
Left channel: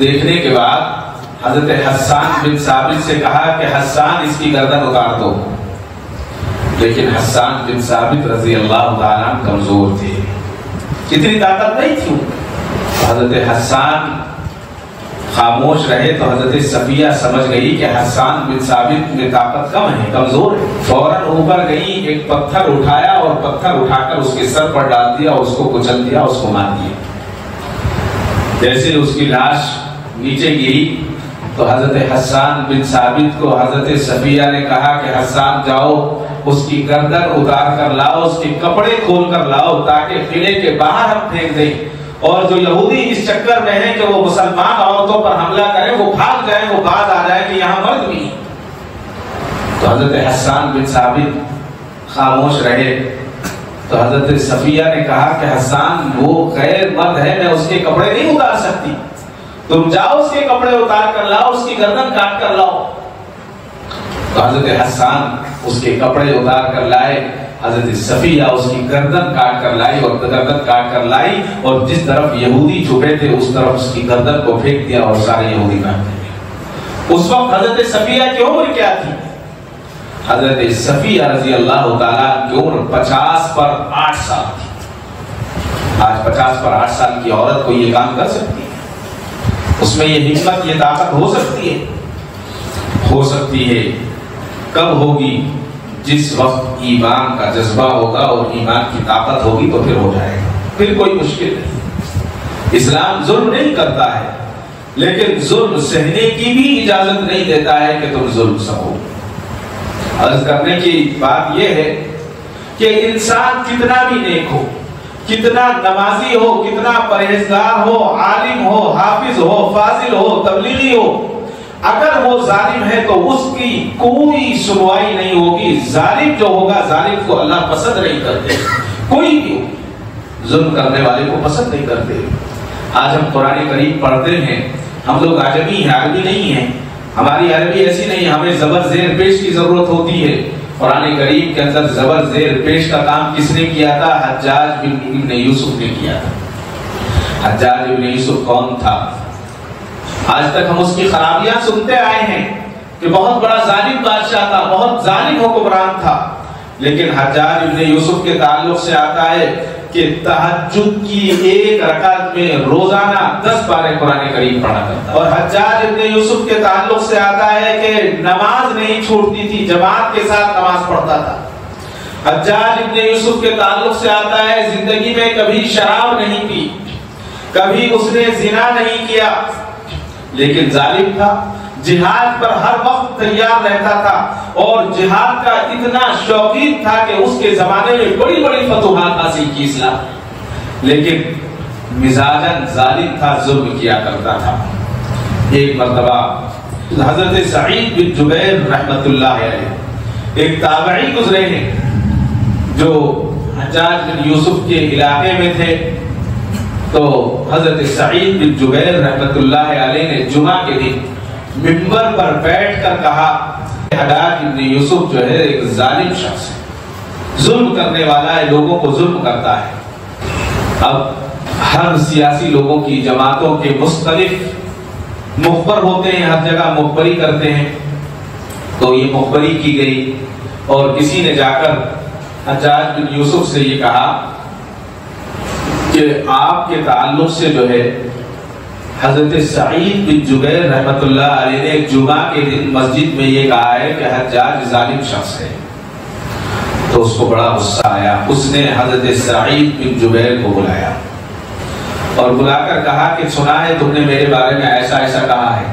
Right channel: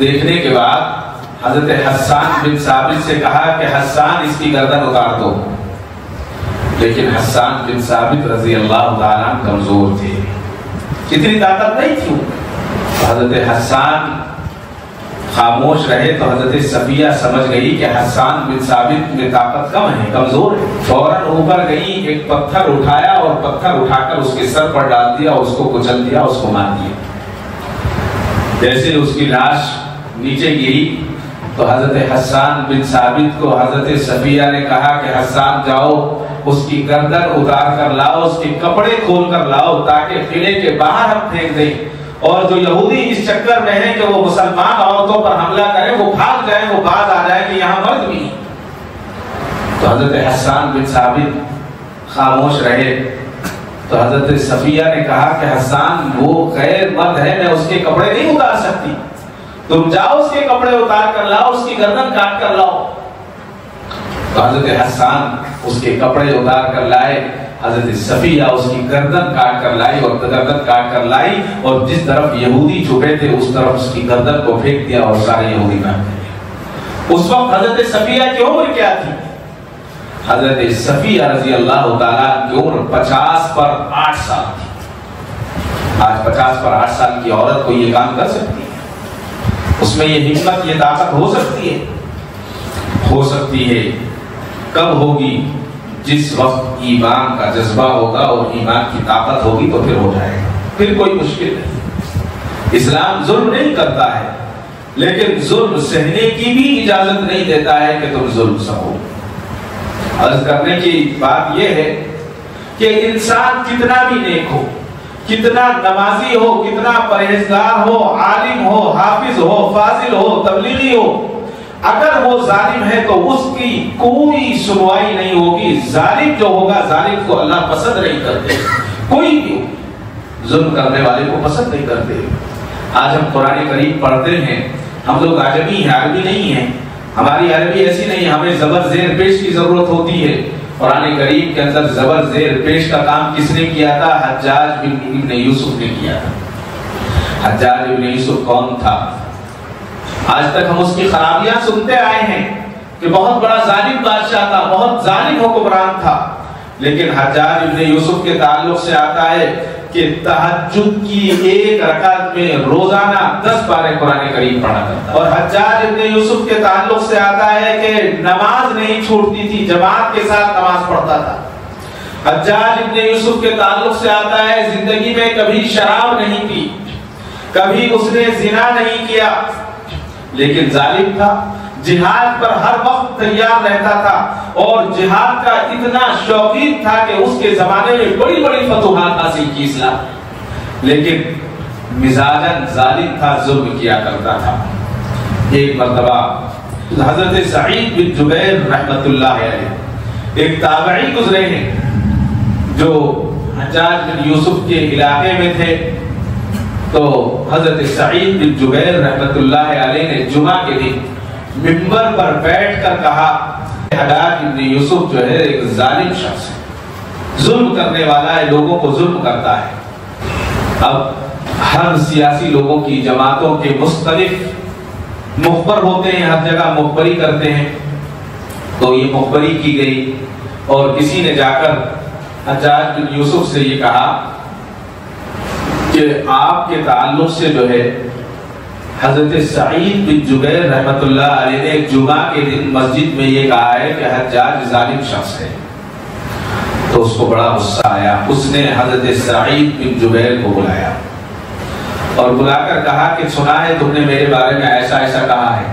دیکھنے کے بعد حضرت حسان بن ثابت سے کہا کہ حسان اس کی گردن اتار دو، لیکن حسان بن ثابت رضی اللہ تعالیٰ کمزور تھے، کتنی طاقت نہیں تھی۔ حضرت حسان خاموش رہے تو حضرت صفیہ سمجھ گئی کہ حسان بن ثابت میں طاقت کم ہے، کمزور ہے۔ فوراً اوپر گئی، ایک پتھر اٹھایا اور پتھر اٹھا کر اس کے سر پر ڈال دیا، اس کو کچل دیا، اس کو مار دیا۔ جیسے اس کی لاش نیچے گئی تو حضرت حسان بن ثابت کو حضرت صفیہ نے کہا کہ حسان جاؤ اس کی گردن اتار کر لاؤ، اس کے کپڑے کھول کر لاؤ تاکہ قلعے کے باہر ہم پھینک دیں، اور جو یہودی اس چکر میں ہے کہ وہ مسلمان عورتوں پر حملہ کرے، وہ بھاگ گئے، وہ بات آ جائے کہ یہاں مرد بھی ہے۔ تو حضرت حسان بن ثابت خاموش رہے تو حضرت صفیہ نے کہا کہ حسان وہ خیر مرد ہے، میں اس کے کپڑے نہیں اتار سکتی، تم جاؤ اس کے کپڑے اتار کر لاؤ، اس کی گردن کاٹ کر لاؤ۔ تو حضرت حسان اس کے کپڑے اتار کر لائے، حضرت صفیہ اس کی گردن کاٹ کر لائی اور گردن کاٹ کر لائی، اور جس طرف یہودی چھپے تھے اس طرف اس کی گردن کو پھینک دیا اور سارے یہودی بھاگ گئے۔ اس وقت حضرت صفیہ کی عمر کیا تھی؟ حضرت صفیہ رضی اللہ تعالیٰ عمر 50 پر 8 سال۔ آج 50 پر 8 سال کی عورت کو یہ کام کر سکتی ہے؟ اس میں یہ حکمت یہ طاقت ہو سکتی ہے؟ ہو سکتی ہے. کب ہوگی؟ جس وقت ایمان کا جذبہ ہوگا اور ایمان کی طاقت ہوگی تو پھر ہو جائے گا. پھر کوئی مشکل نہیں. اسلام ظلم نہیں کرتا ہے لیکن ظلم سہنے کی بھی اجازت نہیں دیتا ہے کہ تم ظلم سہو. بس کرنے کی بات یہ ہے کہ انسان کتنا بھی نیک ہو، کتنا نمازی ہو، کتنا پرہیزگار ہو، عالم ہو، حافظ ہو، فاضل ہو، تبلیغی ہو، اگر وہ ظالم ہے تو اس کی کوئی سنوائی نہیں ہوگی. ظالم جو ہوگا ظالم کو اللہ پسند نہیں کرتے. کوئی نہیں ظلم کرنے والے کو پسند نہیں کرتے. آج ہم قرآن کریم پڑھتے ہیں، ہم لوگ عربی نہیں ہے، ہماری عربی ایسی نہیں، ہمیں زبر زیر پیش کی ضرورت ہوتی ہے. قرآن کریم کے اندر زبر زیر پیش کا کام کس نے کیا تھا؟ حجاج بن یوسف نے کیا تھا. حجاج بن یوسف کون تھا؟ آج تک ہم اس کی خرابیاں سنتے آئے ہیں کہ بہت بڑا ظالم بادشاہ تھا، بہت ظالم حکمران تھا. لیکن حجاج بن یوسف کے تعلق سے آتا ہے کہ تہجد کی ایک رکعت میں روزانہ 10 بار قرآن کریم پڑھا کرتا. اور حجاج بن یوسف کے تعلق سے آتا ہے کہ نماز نہیں چھوڑتی تھی، جماعت کے ساتھ نماز پڑھتا تھا. حجاج بن یوسف کے تعلق سے آتا ہے زندگی میں کبھی شراب نہیں پی، کبھی اس نے زنا نہیں کیا، لیکن ظالم تھا. جہاد پر ہر وقت تیار رہتا تھا اور جہاد کا اتنا شوقین تھا کہ اس کے زمانے میں بڑی بڑی فتوحات حاصل کی تھا، لیکن مزاجن ظالم تھا، ظلم کیا کرتا تھا. ایک مرتبہ حضرت سعید بن جبیر رحمۃ اللہ علیہ ایک تابعی گزرے ہیں جو حجاج بن یوسف کے علاقے میں تھے. تو حضرت سعید بن جبیر رحمۃ اللہ علیہ نے جمعہ کے دن منبر پر بیٹھ کر کہا حجاج بن یوسف جو ہے ایک ظالم شخص، ظلم کرنے والا ہے، لوگوں کو ظلم کرتا ہے. اب ہر سیاسی لوگوں کی جماعتوں کے مختلف مخبر ہوتے ہیں، ہر جگہ مخبری کرتے ہیں. تو یہ مخبری کی گئی اور کسی نے جا کر حجاج بن یوسف سے یہ کہا کہ آپ کے تعلق سے جو ہے حضرت سعید بن جبیر رحمۃ اللہ علیہ نے جمعہ کے دن مسجد میں یہ کہا ہے کہ حجاج ظالم شخص ہے. تو اس کو بڑا غصہ آیا. اس نے حضرت سعید بن جبیر کو بلایا اور بلا کر کہا کہ سنا ہے تم نے میرے بارے میں ایسا ایسا کہا ہے.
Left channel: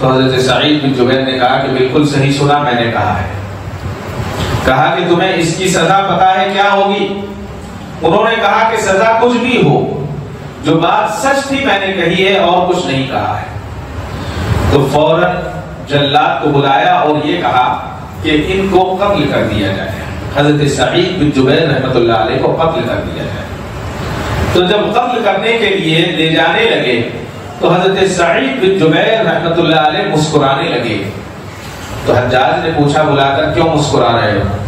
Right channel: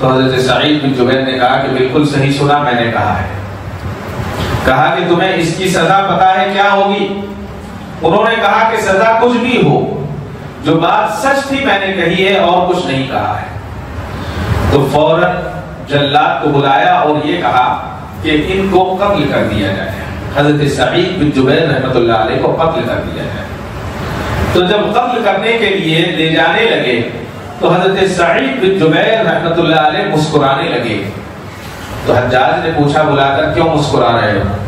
تو حضرت سعید بن جبیر نے کہا کہ بالکل صحیح سنا میں نے کہا ہے. کہا کہ تمہیں اس کی سزا پتا ہے کیا ہوگی؟ انہوں نے کہا کہ سزا کچھ بھی ہو، جو بات سچ تھی میں نے کہی ہے اور کچھ نہیں کہا ہے. تو فوراً جلاد کو بلایا اور یہ کہا کہ ان کو قتل کر دیا جائے. حضرت سعید بن جبیر رحمۃ اللہ علیہ کو قتل کر دیا جائے. تو جب قتل کرنے کے لیے لے جانے لگے تو حضرت سعید بن جبیر رحمۃ اللہ علیہ مسکرانے لگے. تو حجاج نے پوچھا بلا کر کیوں مسکرا رہے ہو؟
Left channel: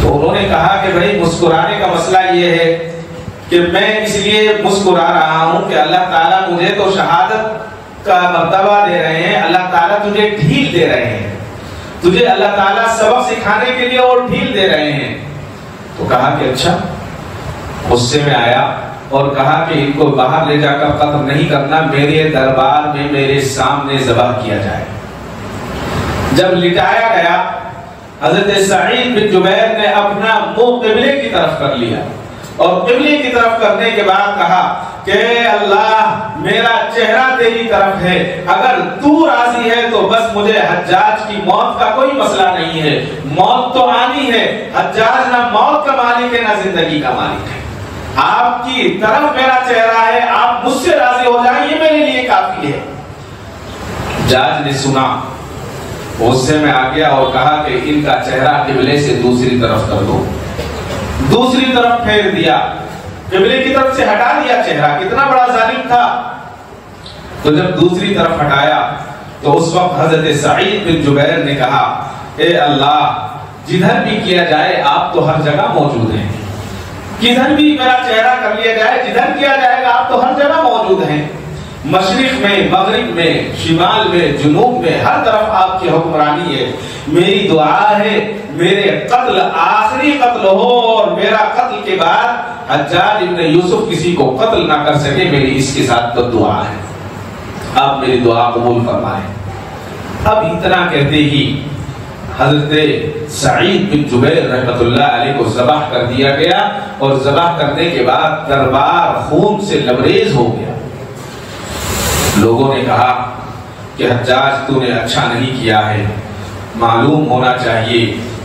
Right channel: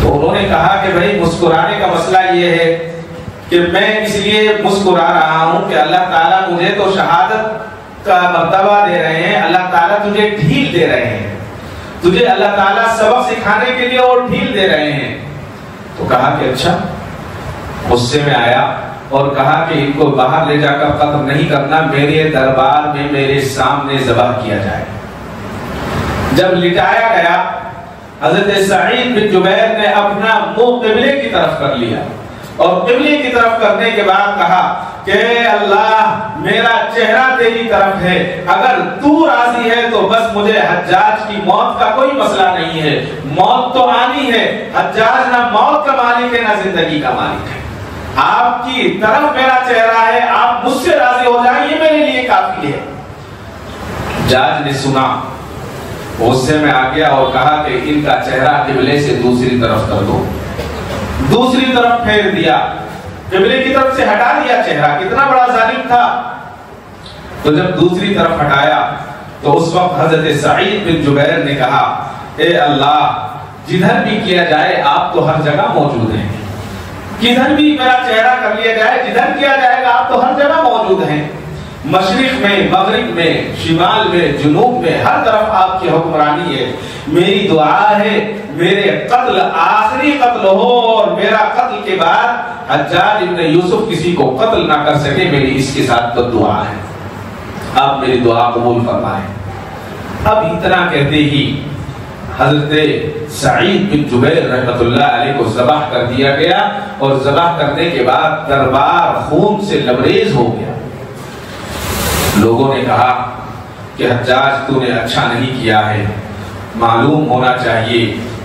تو انہوں نے کہا کہ میری مسکرانے کا مسئلہ یہ ہے کہ میں اس لیے مسکرا رہا ہوں کہ اللہ تعالیٰ مجھے تو شہادت کا مرتبہ دے رہے ہیں، اللہ تعالیٰ تجھے ڈھیل دے رہے ہیں، تجھے اللہ تعالیٰ سبق سکھانے کے لیے اور ڈھیل دے رہے ہیں. تو کہا کہ اچھا. غصے میں آیا اور کہا کہ ان کو باہر لے جا کر قتل نہیں کرنا، میرے دربار میں میرے سامنے ذبح کیا جائے. جب لٹایا گیا حضرت سعید بن جبیر نے اپنا منہ قبلے کی طرف کر لیا اور قبلے کی طرف کرنے کے بعد کہا کہ اللہ میرا چہرہ تیری طرف ہے، اگر تو راضی ہے تو بس مجھے حجاج کی موت کا کوئی مسئلہ نہیں ہے. موت تو آنی ہے، حجاج نہ موت کا مالک ہے نہ زندگی کا مالک ہے. آپ کی طرف میرا چہرہ ہے، آپ مجھ سے راضی ہو جائیں یہ میرے لیے کافی ہے. حجاج نے سنا، غصے میں آ گیا اور کہا کہ ان کا چہرہ قبلے سے دوسری طرف کر دو. دوسری طرف پھیر دیا، قبلے کی طرف سے ہٹا دیا چہرہ. کتنا بڑا ظالم تھا. جب دوسری طرف ہٹایا تو اس وقت حضرت سعید بن جبیر نے کہا اے اللہ جدھر بھی کیا جائے آپ تو ہر جگہ موجود ہیں، کدھر بھی میرا چہرہ کر لیا جائے، جدھر کیا جائے آپ تو ہر جگہ موجود ہیں. مشرق میں، مغرب میں، شمال میں، جنوب میں، ہر طرف آپ کی حکمرانی ہے. میری دعا ہے میرے قتل آخری قتل ہو اور میرا قتل کے بعد حجاج بن یوسف کسی کو قتل نہ کر سکے، میری اس کے ساتھ تو دعا ہے. اب میری دعا قبول فرمائیں۔ اب اتنا کہتے ہی حضرت سعید بن جبیر رحمۃ اللہ علیہ کو ذبح کر دیا گیا، اور ذبح کرنے کے بعد دربار خون سے لبریز ہو گیا۔ لوگوں نے کہا کہ حجاج تو نے اچھا نہیں کیا ہے، معلوم ہونا چاہیے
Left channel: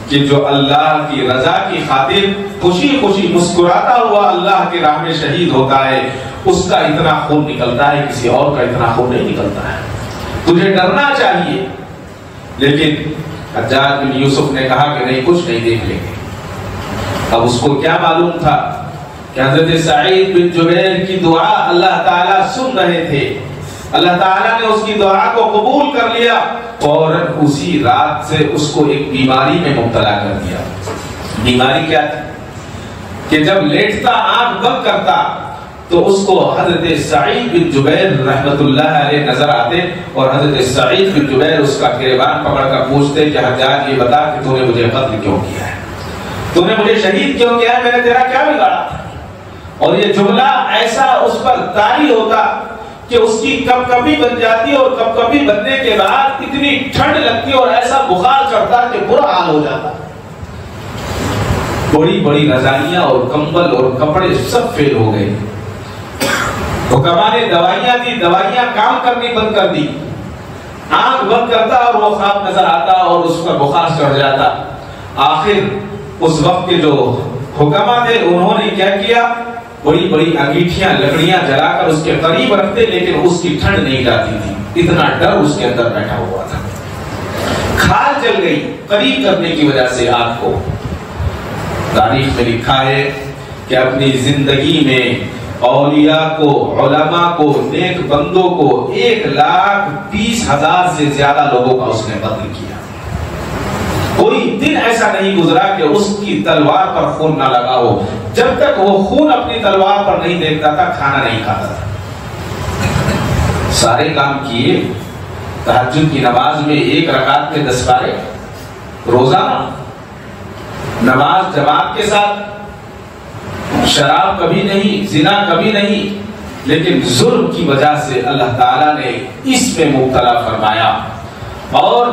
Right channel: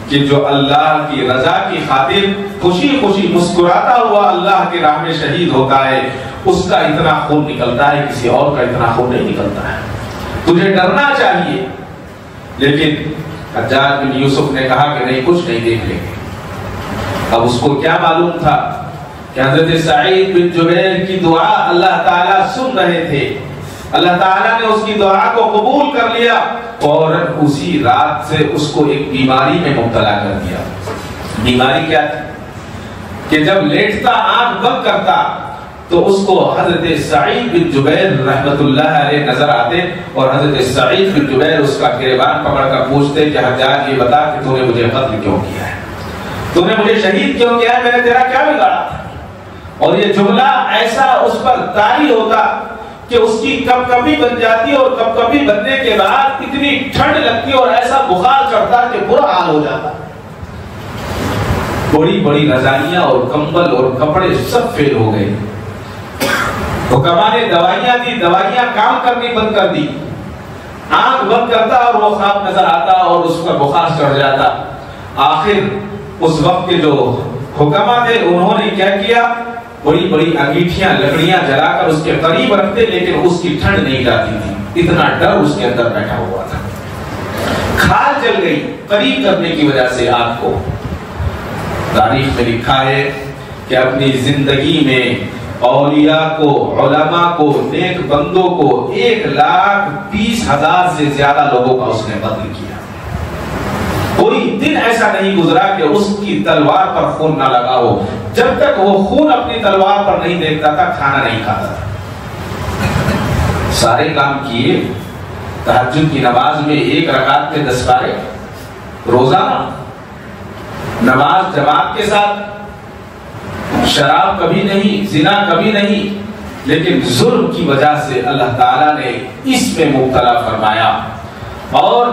کہ جو اللہ کی رضا کی خاطر خوشی خوشی مسکراتا ہوا اللہ کی راہ میں شہید ہوتا ہے، اس کا اتنا خون نکلتا ہے، کسی اور کا اتنا خون نہیں نکلتا ہے، تجھے ڈرنا چاہیے۔ لیکن حجاج بن یوسف نے کہا کہ نہیں، کچھ نہیں دیکھے۔ اب اس کو کیا معلوم تھا کہ حضرت سعید بن جبیر کی دعا اللہ تعالیٰ سن رہے تھے، اللہ تعالیٰ نے اس کی دعا کو قبول کر لیا، اور اسی رات سے اس کو ایک بیماری میں مبتلا کر دیا۔ بیماری کیا کہ جب لیٹتا آنکھ بند کرتا تو اس کو حضرت سعید بن جبیر رحمۃ اللہ علیہ نظر آتے، اور حضرت سعید بن جبیر اس کا گریبان پکڑ کر پوچھتے کہ حضرت یہ بتا کہ تو نے مجھے قتل کیوں کیا ہے، تو نے مجھے شہید کیوں کیا ہے، میں نے تیرا کیا بگاڑا؟ اور یہ جملہ ایسا اس پر طاری ہوتا کہ اس کی کب کبھی بن جاتی اور کب کبھی بننے کے بعد اتنی ٹھنڈ لگتی اور ایسا بخار چڑھتا کہ برا حال ہو جاتا۔ بڑی بڑی رضائیاں اور کمبل اور کپڑے سب فیل ہو گئے۔ حکما نے دوائیاں دی، دوائیاں کام کرنی بند کر دی، آنکھ بند کرتا اور وہ خواب نظر آتا اور اس پر بخار چڑھ جاتا۔ آخر اس وقت کے جو حکما تھے انہوں نے کیا کیا، بڑی بڑی انگیٹھیاں لکڑیاں جلا کر اس کے قریب رکھتے، لیکن اس کی ٹھنڈ نہیں جاتی تھی، اتنا ڈر اس کے اندر بیٹھا ہوا تھا۔ کھال جل گئی قریب کرنے کی وجہ سے۔ آپ کو تاریخ میں لکھا ہے کہ اپنی زندگی میں اولیاء کو، علماء کو، نیک بندوں کو 1,30,000 سے زیادہ لوگوں کا اس نے قتل کیا۔ کوئی دن ایسا نہیں گزرا کہ اس کی تلوار پر خون نہ لگا ہو۔ جب تک وہ خون اپنی تلوار پر نہیں دیکھتا تھا کھانا نہیں کھاتا۔ سارے کام کیے، تہجد کی نماز میں 1 رکعت کے 10 پارے، روزہ نماز جماعت کے ساتھ، شراب کبھی نہیں، زنا کبھی نہیں، لیکن ظلم کی وجہ سے اللہ تعالیٰ نے اس میں مبتلا فرمایا۔ اور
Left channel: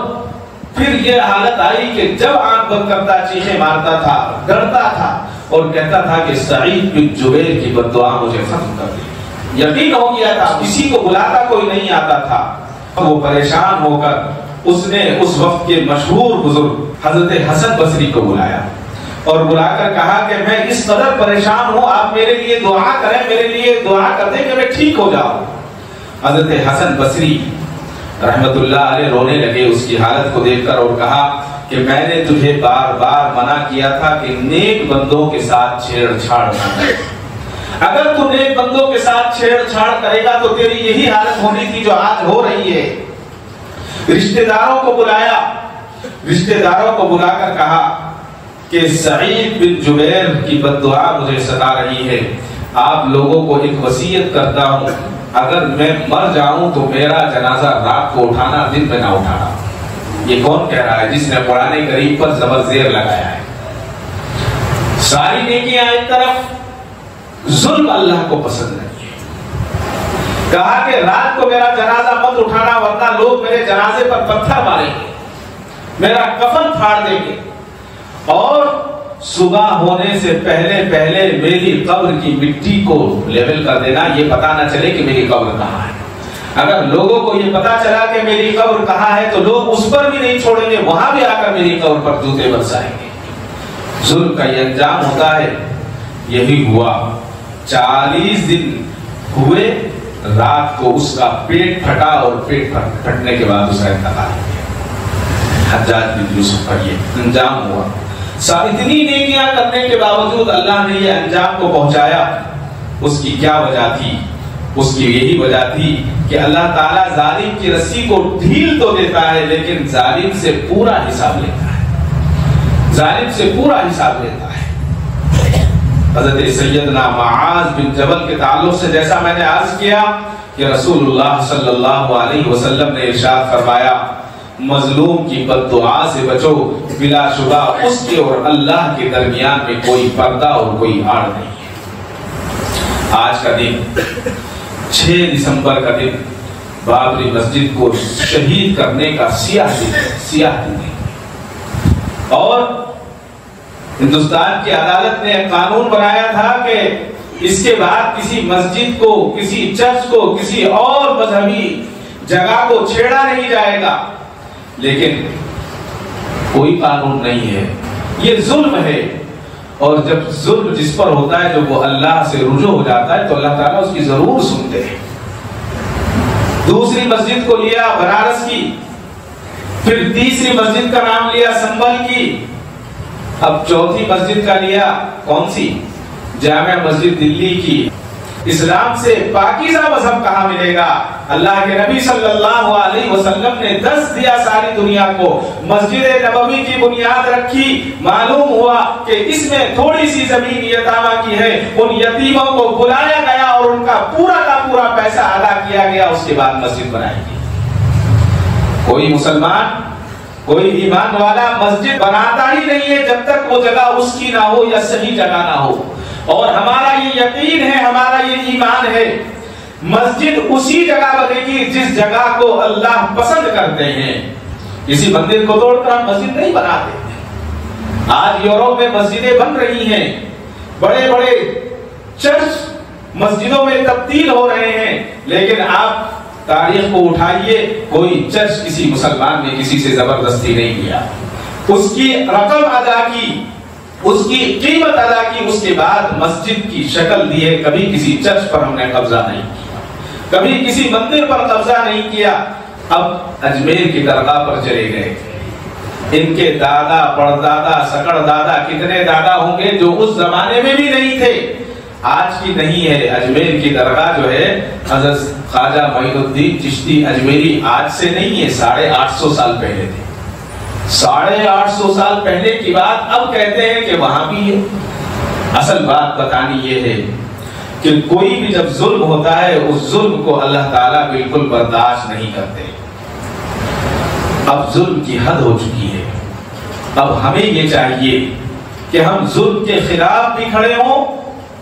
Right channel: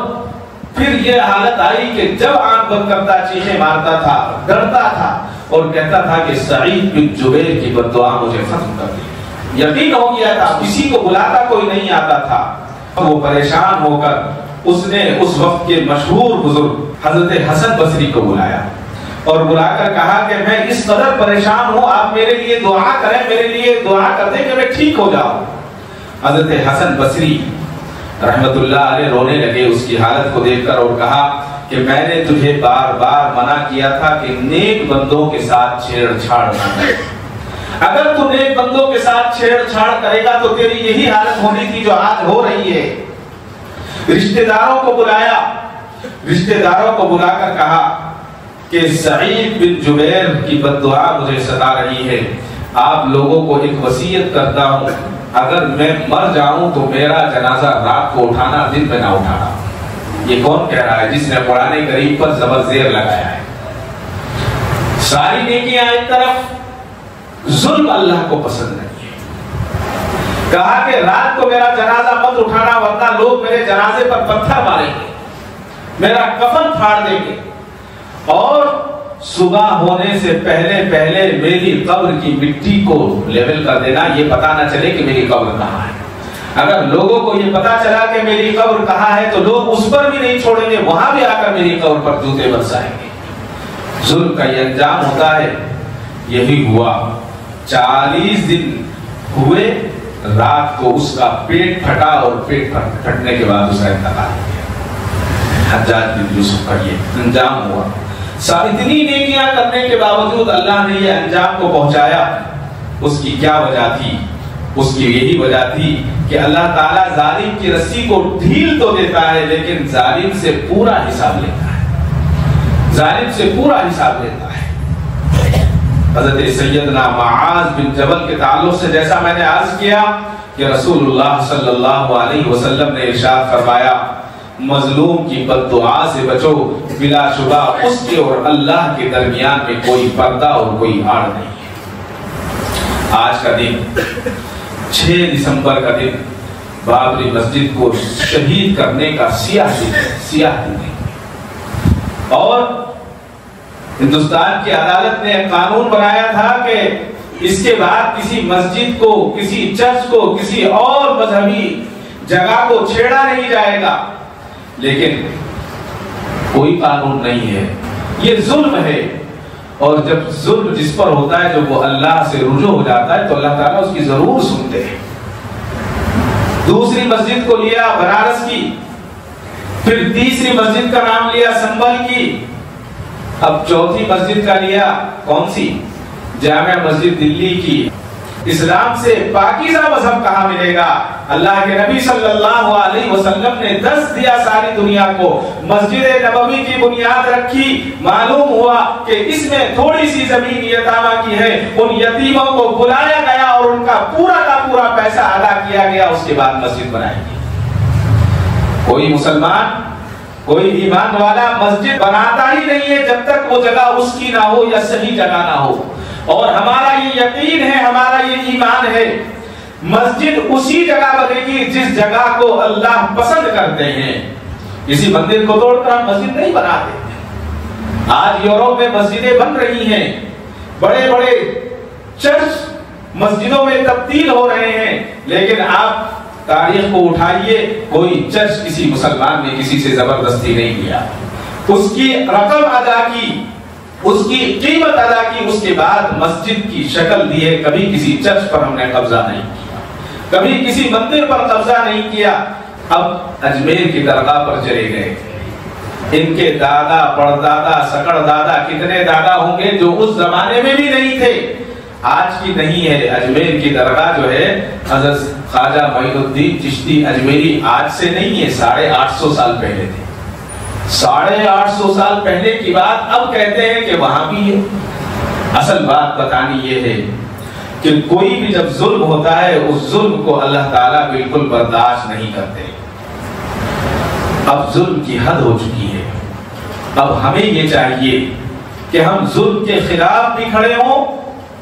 پھر یہ حالت آئی کہ جب آنکھ بند کرتا چیخیں مارتا تھا، ڈرتا تھا اور کہتا تھا کہ سعید بن جبیر کی بددعا مجھے ختم کر دی۔ یقین ہو گیا تھا، کسی کو بلاتا کوئی نہیں آتا تھا۔ وہ پریشان ہو کر اس نے اس وقت کے مشہور بزرگ حضرت حسن بصری کو بلایا اور بلا کر کہا کہ میں اس قدر پریشان ہوں، آپ میرے لیے دعا کریں، میرے لیے دعا کرتے کہ میں ٹھیک ہو جاؤں۔ حضرت حسن بصری رحمت اللہ علیہ رونے لگے اس کی حالت کو دیکھ کر کہا کہ میں نے تجھے بار بار منع کیا تھا کہ نیک بندوں کے ساتھ چھیڑ چھاڑ نہ کرے۔ اگر تو نیک بندوں کے ساتھ چھیڑ چھاڑ کرے گا تو تیری یہی حالت ہونے کی جو آج ہو رہی ہے۔ رشتہ داروں کو بلایا، رشتہ داروں کو بلا کر کہا کہ سعید بن جبیر کی بددعا مجھے ستا رہی ہے، آپ لوگوں کو ایک وصیت کرتا ہوں، اگر میں مر جاؤں تو میرا جنازہ رات کو اٹھانا، دن میں نہ اٹھانا۔ یہ کون کہہ رہا ہے؟ جس نے قرآن کریم پر زبر زیر لگایا ہے۔ ساری نیکیاں ایک طرف، ظلم اللہ کو پسند نہیں ہے۔ کہا کہ رات کو میرا جنازہ مت اٹھانا ورنہ لوگ میرے جنازے پر پتھر ماریں گے، میرا کفن پھاڑ دیں گے، اور صبح ہونے سے پہلے پہلے میری قبر کی مٹی کو لیول کر دے گا، یہ پتا نہ چلے کہ میری قبر کہاں ہے۔ اگر لوگوں کو یہ پتا چلا کہ میری قبر کہاں ہے تو لوگ اس پر بھی نہیں چھوڑیں گے، وہاں بھی آ کر میری قبر پر جوتے برسائیں گے۔ ظلم کا یہ انجام ہوتا ہے۔ یہی ہوا، 40 دن ہوئے، رات کو اس کا پیٹ پھٹا اور پیٹ پھٹنے کے بعد اسے انتقال۔ حجاج بن یوسف کا یہ انجام ہوا۔ اتنی نیکیاں کرنے کے باوجود اللہ نے یہ انجام کو پہنچایا۔ اس کی کیا وجہ تھی؟ اس کی یہی وجہ تھی کہ اللہ تعالیٰ ظالم کی رسی کو ڈھیل تو دیتا ہے لیکن ظالم سے پورا حساب لیتا ہے، ظالم سے پورا حساب لیتا ہے۔ حضرت سیدنا معاذ بن جبل کے تعلق سے جیسا میں نے عرض کیا کہ رسول اللہ صلی اللہ علیہ وسلم نے ارشاد فرمایا، مظلوم کی بددعا سے بچو، بلا شبہ اس کے اور اللہ کے درمیان میں کوئی پردہ اور کوئی آڑ نہیں ہے۔ آج کا دن 6 دسمبر کا دن بابری مسجد کو شہید کرنے کا سیاہ اور ہندوستان کی عدالت نے قانون بنایا تھا کہ اس کے بعد کسی مسجد کو، کسی چرچ کو، کسی اور مذہبی جگہ کو چھیڑا نہیں جائے گا، لیکن کوئی قانون نہیں ہے، یہ ظلم ہے۔ اور جب ظلم جس پر ہوتا ہے، جب وہ اللہ سے رجوع ہو جاتا ہے تو اللہ تعالیٰ اس کی ضرور سنتے ہیں۔ دوسری مسجد کو لیا بنارس کی، پھر تیسری مسجد کا نام لیا سنبل کی، اب چوتھی مسجد کا لیا کون سی؟ جامع مسجد دلی کی۔ اسلام سے پاکیزہ مذہب کہاں ملے گا؟ اللہ کے نبی صلی اللہ علیہ وسلم نے دس دیا ساری دنیا کو، مسجد نبوی کی بنیاد رکھی، معلوم ہوا کہ اس میں تھوڑی سی زمین یتیموں کی ہے، ان یتیموں کو بلایا گیا اور ان کا پورا کا پورا پیسہ ادا کیا گیا، اس کے بعد مسجد بنائی گئی۔ کوئی مسلمان، کوئی ایمان والا مسجد بناتا ہی نہیں ہے جب تک وہ جگہ اس کی نہ ہو یا صحیح جگہ نہ ہو۔ اور ہمارا یہ یقین ہے، ہمارا یہ ایمان ہے، مسجد اسی جگہ بنے گی جس جگہ کو اللہ پسند کرتے ہیں۔ کسی مندر کو توڑ کر مسجد نہیں بنا دیتے۔ آج یورپ میں مسجدیں بن رہی ہیں، بڑے بڑے چرچ مسجدوں میں تبدیل ہو رہے ہیں، لیکن آپ تاریخ کو اٹھائیے، کوئی چرچ کسی مسلمان نے کسی سے زبردستی نہیں کیا، اس کی رقم ادا کی، اس کی قیمت ادا کی، اس کے بعد مسجد کی شکل دی ہے۔ کبھی کسی چرچ پر ہم نے قبضہ نہیں کیا، کبھی کسی مندر پر قبضہ نہیں کیا۔ اب اجمیر کی درگاہ پر چلے گئے، ان کے دادا پردادا سکڑ دادا کتنے دادا ہوں گے جو اس زمانے میں بھی نہیں تھے، آج کی نہیں ہے۔ اجمیر کی درگاہ جو ہے حضرت خواجہ معین الدین چشتی اجمیری آج سے نہیں ہے، 850 سال پہلے تھے۔ 850 سال پہلے کی بات اب کہتے ہیں کہ وہاں بھی ہے۔ اصل بات بتانی یہ ہے کہ کوئی بھی جب ظلم ہوتا ہے اس ظلم کو اللہ تعالیٰ بالکل برداشت نہیں کرتے۔ اب ظلم کی حد ہو چکی ہے، اب ہمیں یہ چاہیے کہ ہم ظلم کے خلاف بھی کھڑے ہوں،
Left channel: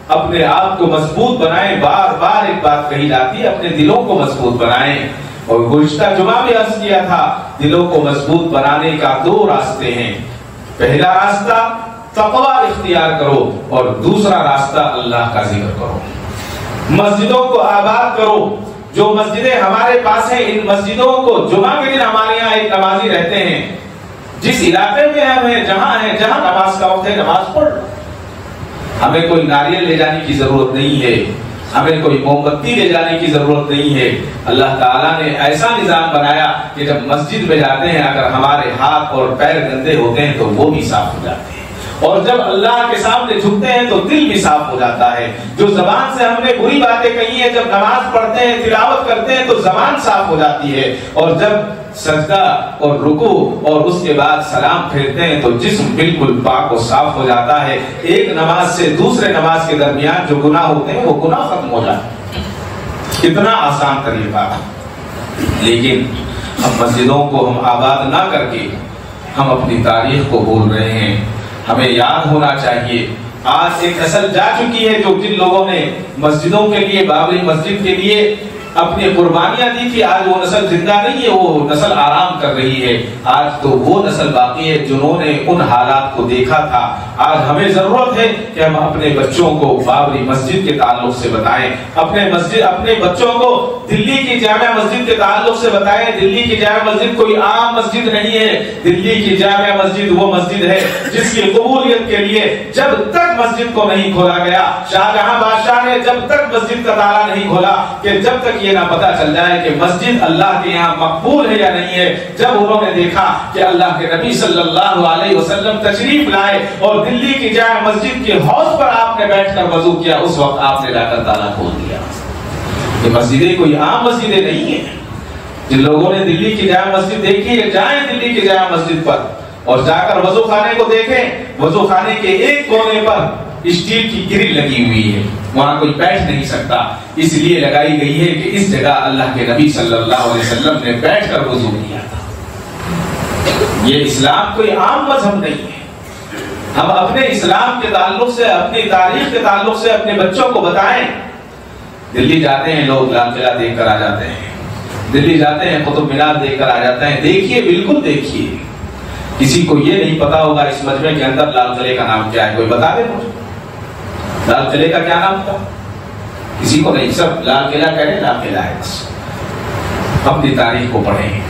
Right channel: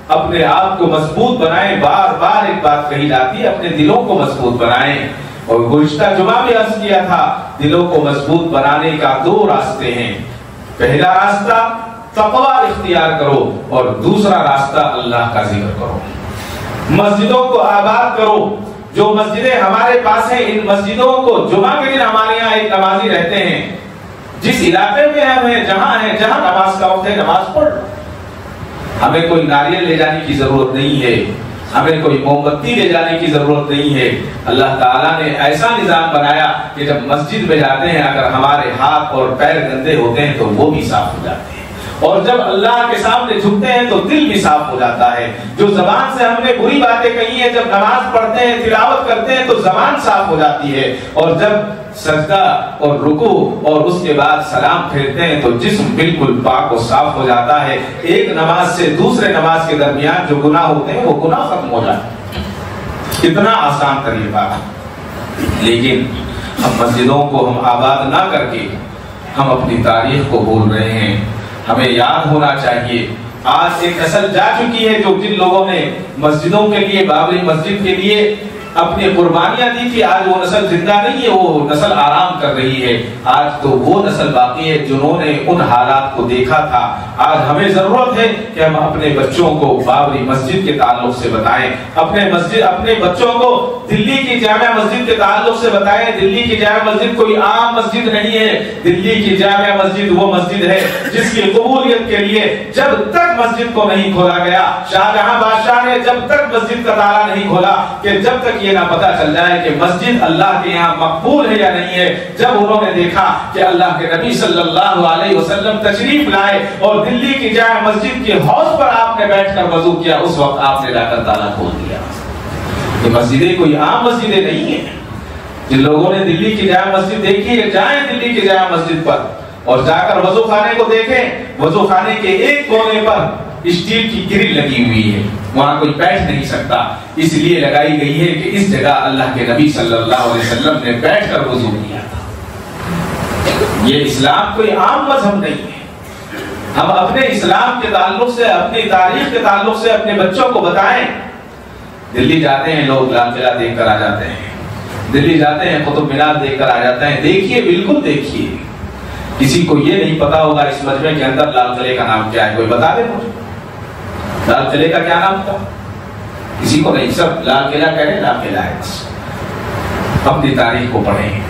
اپنے آپ کو مضبوط بنائیں۔ بار بار ایک بات کہی جاتی ہے، اپنے دلوں کو مضبوط بنائیں۔ اور گزشتہ جمعہ میں عرض کیا تھا، دلوں کو مضبوط بنانے کا 2 راستے ہیں۔ پہلا راستہ تقویٰ اختیار کرو اور دوسرا راستہ اللہ کا ذکر کرو۔ مسجدوں کو آباد کرو، جو مسجدیں ہمارے پاس ہیں ان مسجدوں کو جمعہ کے دن ہمارے یہاں ایک نمازی رہتے ہیں، جس علاقے میں ہمیں جہاں نماز کا وقت ہے نماز پڑھ، ہمیں کوئی ناریل لے جانے کی ضرورت نہیں ہے، ہمیں کوئی موم بتی لے جانے کی ضرورت نہیں ہے۔ اللہ تعالیٰ نے ایسا نظام بنایا کہ جب مسجد میں جاتے ہیں اگر ہمارے ہاتھ اور پیر گندے ہوتے ہیں تو منہ بھی صاف ہو جاتے ہیں، اور جب اللہ کے سامنے جھکتے ہیں تو دل بھی صاف ہو جاتا ہے۔ جو زبان سے ہم نے بری باتیں کہی ہیں، جب نماز پڑھتے ہیں تلاوت کرتے ہیں تو زبان صاف ہو جاتی ہے، اور جب سجدہ اور رکوع اور اس کے بعد سلام پھیرتے ہیں تو جسم بالکل پاک و صاف ہو جاتا ہے۔ ایک نماز سے دوسرے نماز کے درمیان جو گناہ ہوتے ہیں وہ گناہ ختم ہو جاتے ہیں۔ اتنا آسان طریقہ ہے، لیکن ہم مسجدوں کو ہم آباد نہ کر کے ہم اپنی تاریخ کو بول رہے ہیں۔ ہمیں یاد ہونا چاہیے، آج ایک نسل جا چکی ہے جو جن لوگوں نے مسجدوں کے لیے، بابری مسجد کے لیے اپنی قربانیاں دی تھی، آج وہ نسل زندہ نہیں ہے، وہ نسل آرام کر رہی ہے۔ آج تو وہ نسل باقی ہے جنہوں نے ان حالات کو دیکھا تھا۔ آج ہمیں ضرورت ہے کہ ہم اپنے بچوں کو بابری مسجد کے تعلق سے بتائیں، اپنے بچوں کو دلی کی جامع مسجد کے تعلق سے بتائیں۔ دلی کی جامع مسجد کوئی عام مسجد نہیں ہے، دلی کی جامع مسجد وہ مسجد ہے جس کی قبولیت کے لیے جب تک مسجد کو نہیں کھولا گیا، شاہجہاں بادشاہ نے جب تک مسجد کا تالا نہیں کھولا کہ جب تک یہ نہ پتا چل جائے کہ مسجد اللہ کے یہاں مقبول ہے یا نہیں ہے، جب انہوں نے دیکھا کہ اللہ کے نبی صلی اللہ علیہ وسلم تشریف لائے اور دلی کی جامع مسجد کی حوض پر آپ نے بیٹھ کر وضو کیا، اس وقت آپ نے جا کر تالا کھول دیا۔ یہ مسجدیں کوئی عام مسجدیں نہیں ہیں۔ جن لوگوں نے دلی کی جامع مسجد دیکھی ہے جائیں دلی کی جامع مسجد پر اور جا کر وضو خانے کو دیکھیں، وضو خانے کے ایک کونے پر اسٹیل کی گرل لگی ہوئی ہے، وہاں کوئی بیٹھ نہیں سکتا، اس لیے لگائی گئی ہے کہ اس جگہ اللہ کے نبی صلی اللہ علیہ وسلم نے بیٹھ کر وضو کیا۔ یہ اسلام کوئی عام مذہب نہیں ہے۔ ہم اپنے اسلام کے تعلق سے، اپنی تاریخ کے تعلق سے اپنے بچوں کو بتائیں۔ دلی جاتے ہیں لوگ، لال قلعہ دیکھ کر آ جاتے ہیں، دلی جاتے ہیں قطب مینار دیکھ کر آ جاتے ہیں. دیکھیے بالکل دیکھیے. کسی کو یہ نہیں پتا ہوگا اس مجمع کے اندر لال قلعے کا نام کیا ہے. کوئی بتا دے مجھے لال قلعے کا کیا نام تھا؟ کسی کو نہیں. سب لال قلعہ کا لال قلعہ ہے. اپنی تاریخ کو پڑھیں،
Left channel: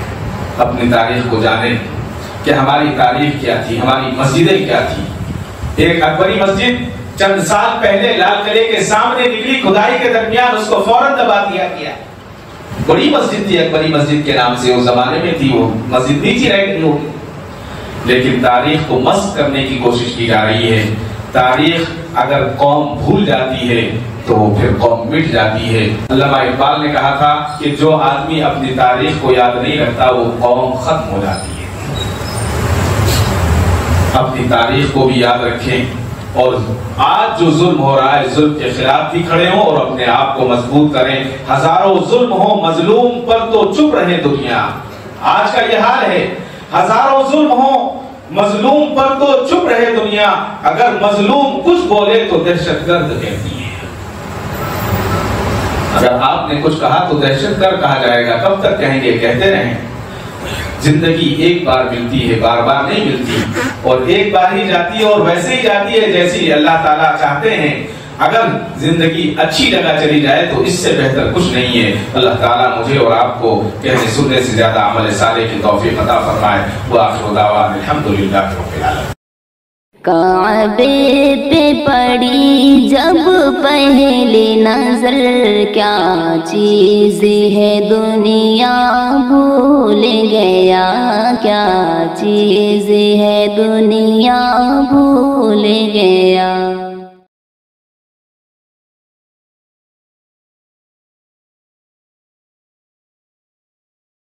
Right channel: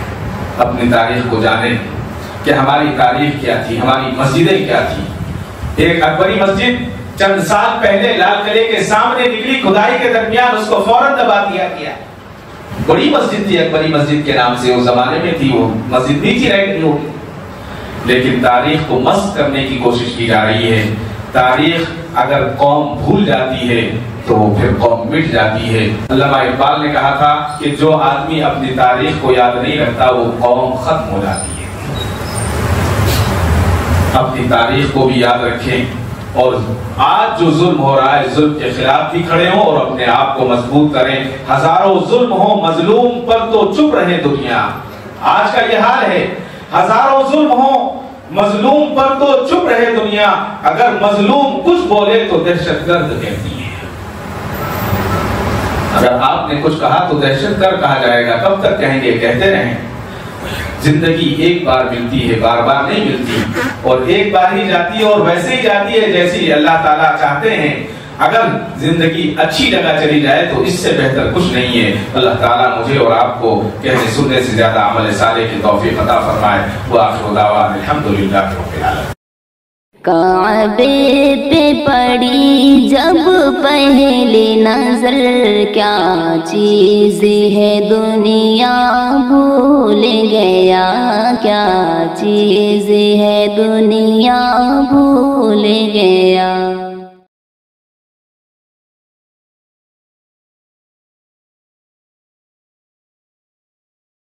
اپنی تاریخ کو جانیں کہ ہماری تاریخ کیا تھی، ہماری مسجدیں کیا تھی. ایک اکبری مسجد چند سال پہلے لال قلعے کے سامنے نکلی، کھدائی کے درمیان اس کو فوراً دبا دیا گیا. بڑی مسجد تھی، اکبری مسجد کے نام سے اس زمانے میں تھی. وہ مسجد نیچے رہ گئی ہوگی، لیکن تاریخ کو مسخ کرنے کی کوشش کی جا رہی ہے. تاریخ اگر قوم بھول جاتی ہے تو پھر قوم مٹ جاتی ہے. علامہ اقبال نے کہا تھا کہ جو آدمی اپنی تاریخ کو یاد نہیں کرتا وہ قوم ختم ہو جاتی ہے. اپنی تاریخ کو بھی یاد رکھیں اور آج جو ظلم ہو رہا ہے ظلم کے خلاف بھی کھڑے ہوں اور اپنے آپ کو مضبوط کریں. ہزاروں ظلم ہو مظلوم پر تو چپ رہے دنیا. آج کا یہ حال ہے. ہزاروں ظلم ہو مظلوم پر تو چپ رہے دنیا. اگر مظلوم کچھ بولے تو دہشت گرد کہتی ہے. اگر آپ نے کچھ کہا تو دہشت گرد کہا جائے گا. کب تک کہیں گے؟ کہتے رہیں. زندگی ایک بار ملتی ہے، بار بار نہیں ملتی، اور ایک بار ہی جاتی ہے اور ویسے ہی جاتی ہے جیسے اللہ تعالیٰ چاہتے ہیں. اگر زندگی اچھی جگہ چلی جائے تو اس سے بہتر کچھ نہیں ہے. اللہ تعالیٰ مجھے اور آپ کو کہنے سننے سے زیادہ عمل صالح کی توفیق عطا فرمائے. وآخر دعوانا الحمدللہ رب العالمین. کعبے پہ پڑی جب پہلی نظر، کیا چیز ہے دنیا بھول گیا، کیا چیز ہے دنیا بھول گیا.